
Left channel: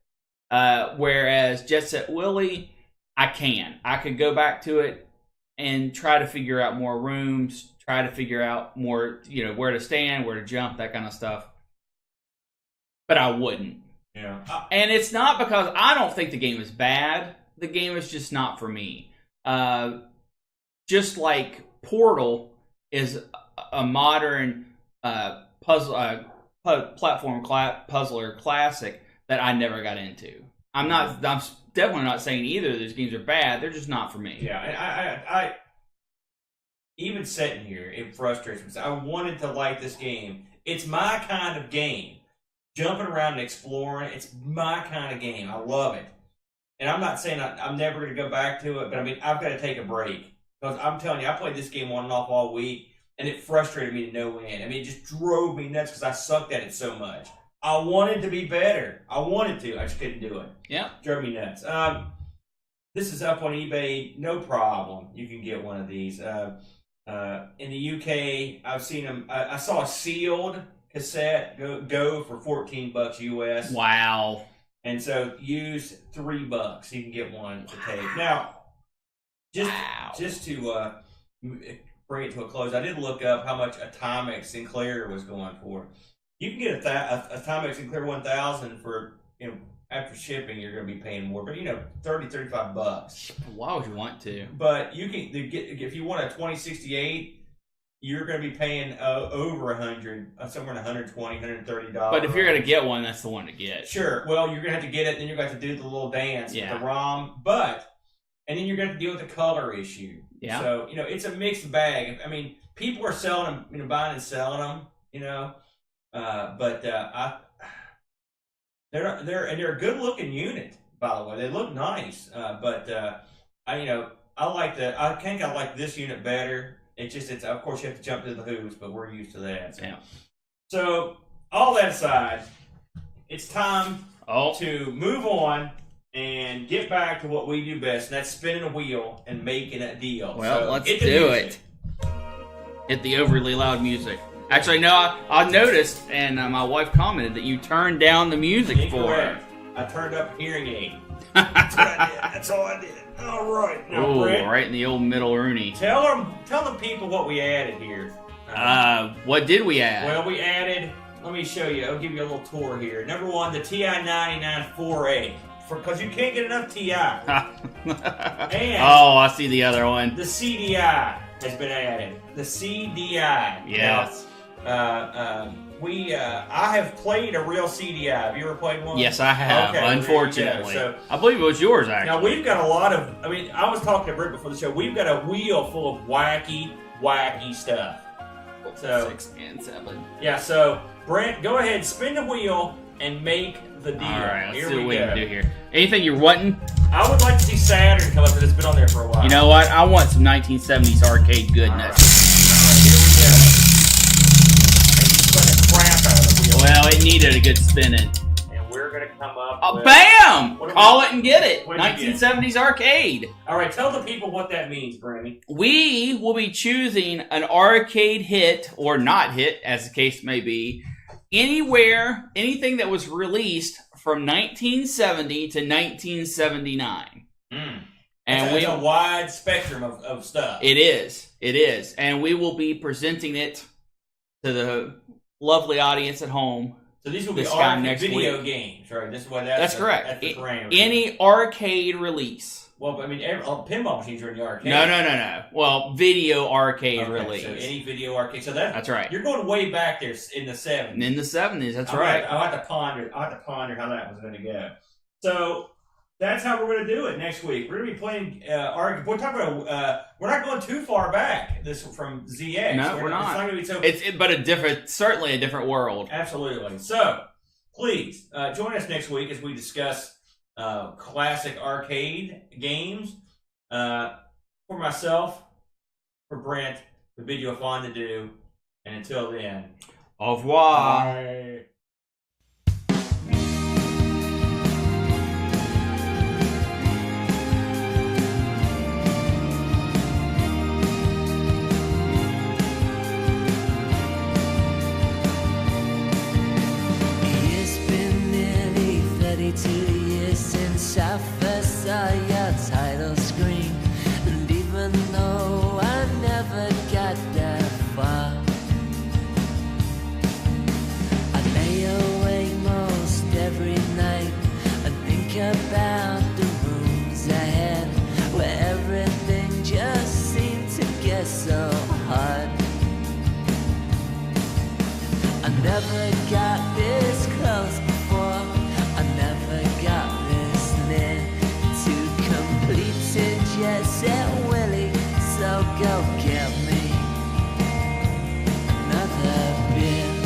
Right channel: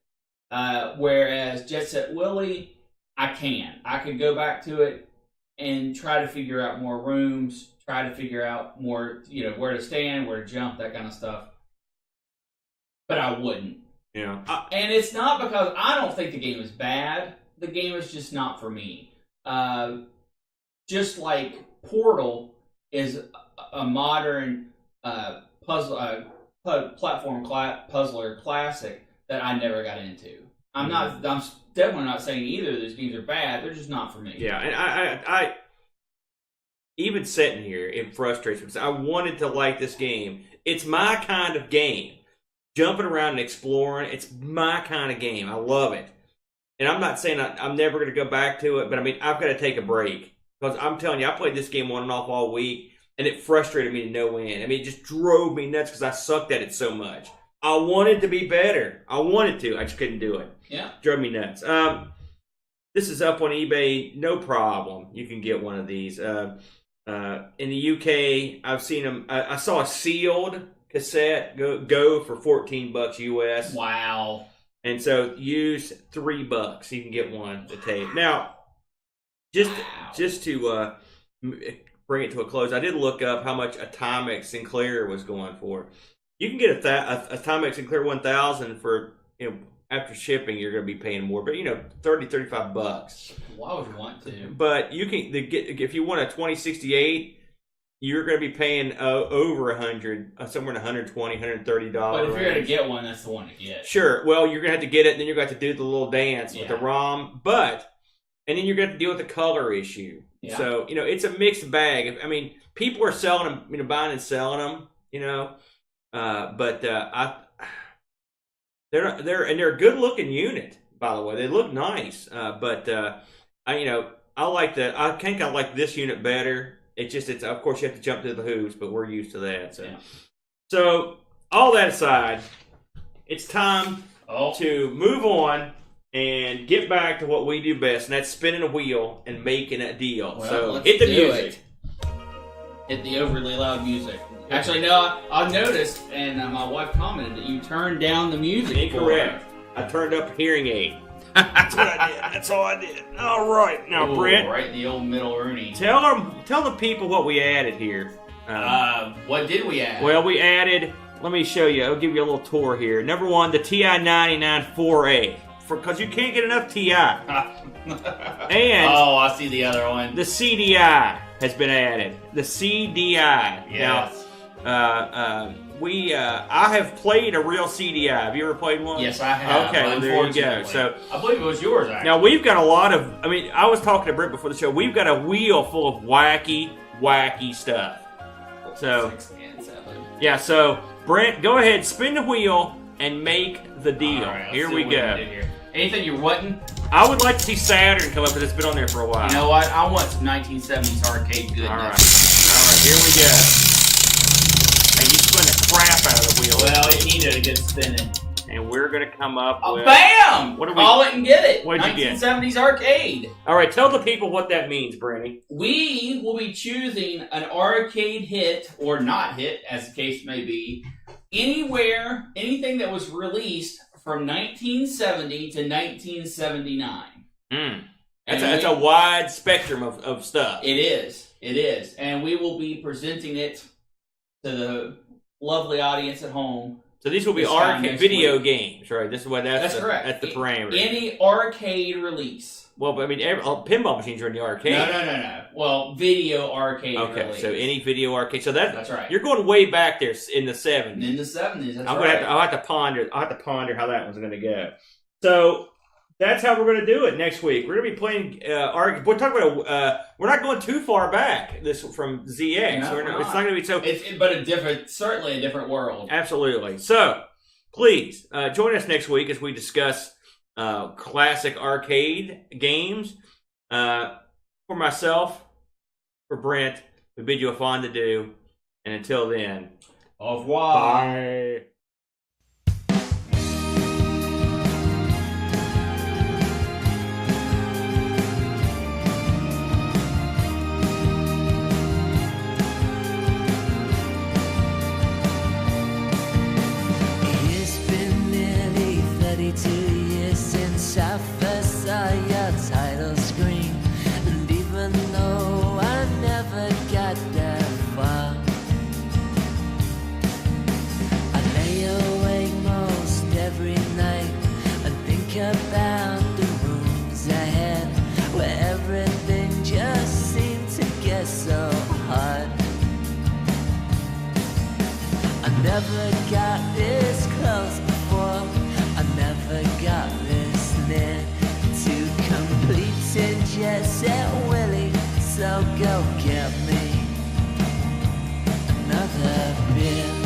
Whereas Jet Set Willy, I can. I could go back to it and try to figure out more rooms, try to figure out more, where to stand, where to jump, that kind of stuff. But I wouldn't. Yeah. And it's not because I don't think the game is bad. The game is just not for me. Just like Portal is a modern platform puzzler classic that I never got into. I'm definitely not saying either of those games are bad. They're just not for me. Yeah, and I even sitting here, it frustrates me because I wanted to like this game. It's my kind of game. Jumping around and exploring, it's my kind of game. I love it. And I'm not saying I'm never going to go back to it, but I mean, I've got to take a break. Because I'm telling you, I played this game on and off all week, and it frustrated me to no end. I mean, it just drove me nuts because I sucked at it so much. I wanted to be better. I wanted to. I just couldn't do it. Yeah. Drove me nuts. This is up on eBay. No problem. You can get one of these. In the UK, I've seen them. I saw a sealed cassette go for $14 US. Wow. And so use $3. You can get one to take. Now, just to bring it to a close, I did look up how much a Timex Sinclair was going for. You can get a Timex Sinclair 1000 for, after shipping, you're going to be paying more, but $30, $35. Why would you want to? But you can if you want a 2068, you're going to be paying over $100, somewhere in $120, $130. But if you're going to get one, that's the one to get. Sure. Well, you're going to have to get it, and then you're going to have to do the little dance with the ROM. And then you're going to have to deal with the color issue. Yeah. So, it's a mixed bag. I mean, people are selling them, buying and selling them, but they're a good looking unit, by the way. They look nice. But I like that. I think I like this unit better. It's of course you have to jump through the hoops, but we're used to that. So, so all that aside, it's time to move on and get back to what we do best, and that's spinning a wheel and making a deal. Well, so let's hit the do music. it. Hit the overly loud music. Actually, no, I noticed, and my wife commented that you turned down the music. Incorrect. I turned up a hearing aid. That's what I did. That's all I did. All right, now, Brent. Right in the old middle Rooney. Tell the people what we added here. What did we add? Well, we added. Let me show you. I'll give you a little tour here. Number one, the TI-99 4A. Because you can't get enough TI. And I see the other one. The CDI has been added. The CDI. Yes. Now, I have played a real CDI. Have you ever played one? Yes, I have. Okay, unfortunately. So I believe it was yours, actually. now we've got a lot of. I mean, I was talking to Brent before the show. We've got a wheel full of wacky stuff. So 6 and 7. yeah. So Brent, go ahead, spin the wheel and make the deal. All right, let's here see we what go. can do here. Anything you're wanting? I would like to see Saturn come up, but it's been on there for a while. You know what? I want some 1970s arcade goodness. All right, here we go. And you spin the crap out of the wheel. Well, it needed a good spinning. And we're gonna come up with... Bam! What do we- Call it and get it. What did you get? 1970s arcade. All right, tell the people what that means, Brandy. We will be choosing an arcade hit, or not hit, as the case may be, anywhere, anything that was released from 1970 to 1979. That's a wide spectrum of stuff. It is. And we will be presenting it to the lovely audience at home. So these will be This time arcade next video week. games, right? This is what That's correct. That's the parameter. Any arcade release. Well, but I mean, all pinball machines are in the arcade. No. Well, video arcade release. So any video arcade. So that's right. You're going way back there in the 70s. In the 70s, that's I'll right. have to ponder how that one's going to go. So that's how we're going to do it next week. We're going to be playing. We're talking about. We're not going too far back. This from ZX. No, we're not. It's not going to be so. Certainly a different world. Absolutely. So please join us next week as we discuss classic arcade games. For myself, for Brent, we bid you a fond adieu, and until then, Au revoir. bye. It's been nearly 32 years since I first saw your title screen, and even though I never got that far, I lay awake most every night and think about the rooms ahead, where everything just seemed to get so hard. I never got this close before, I never got this near to completing Jet Set Willy, so go get me another beer.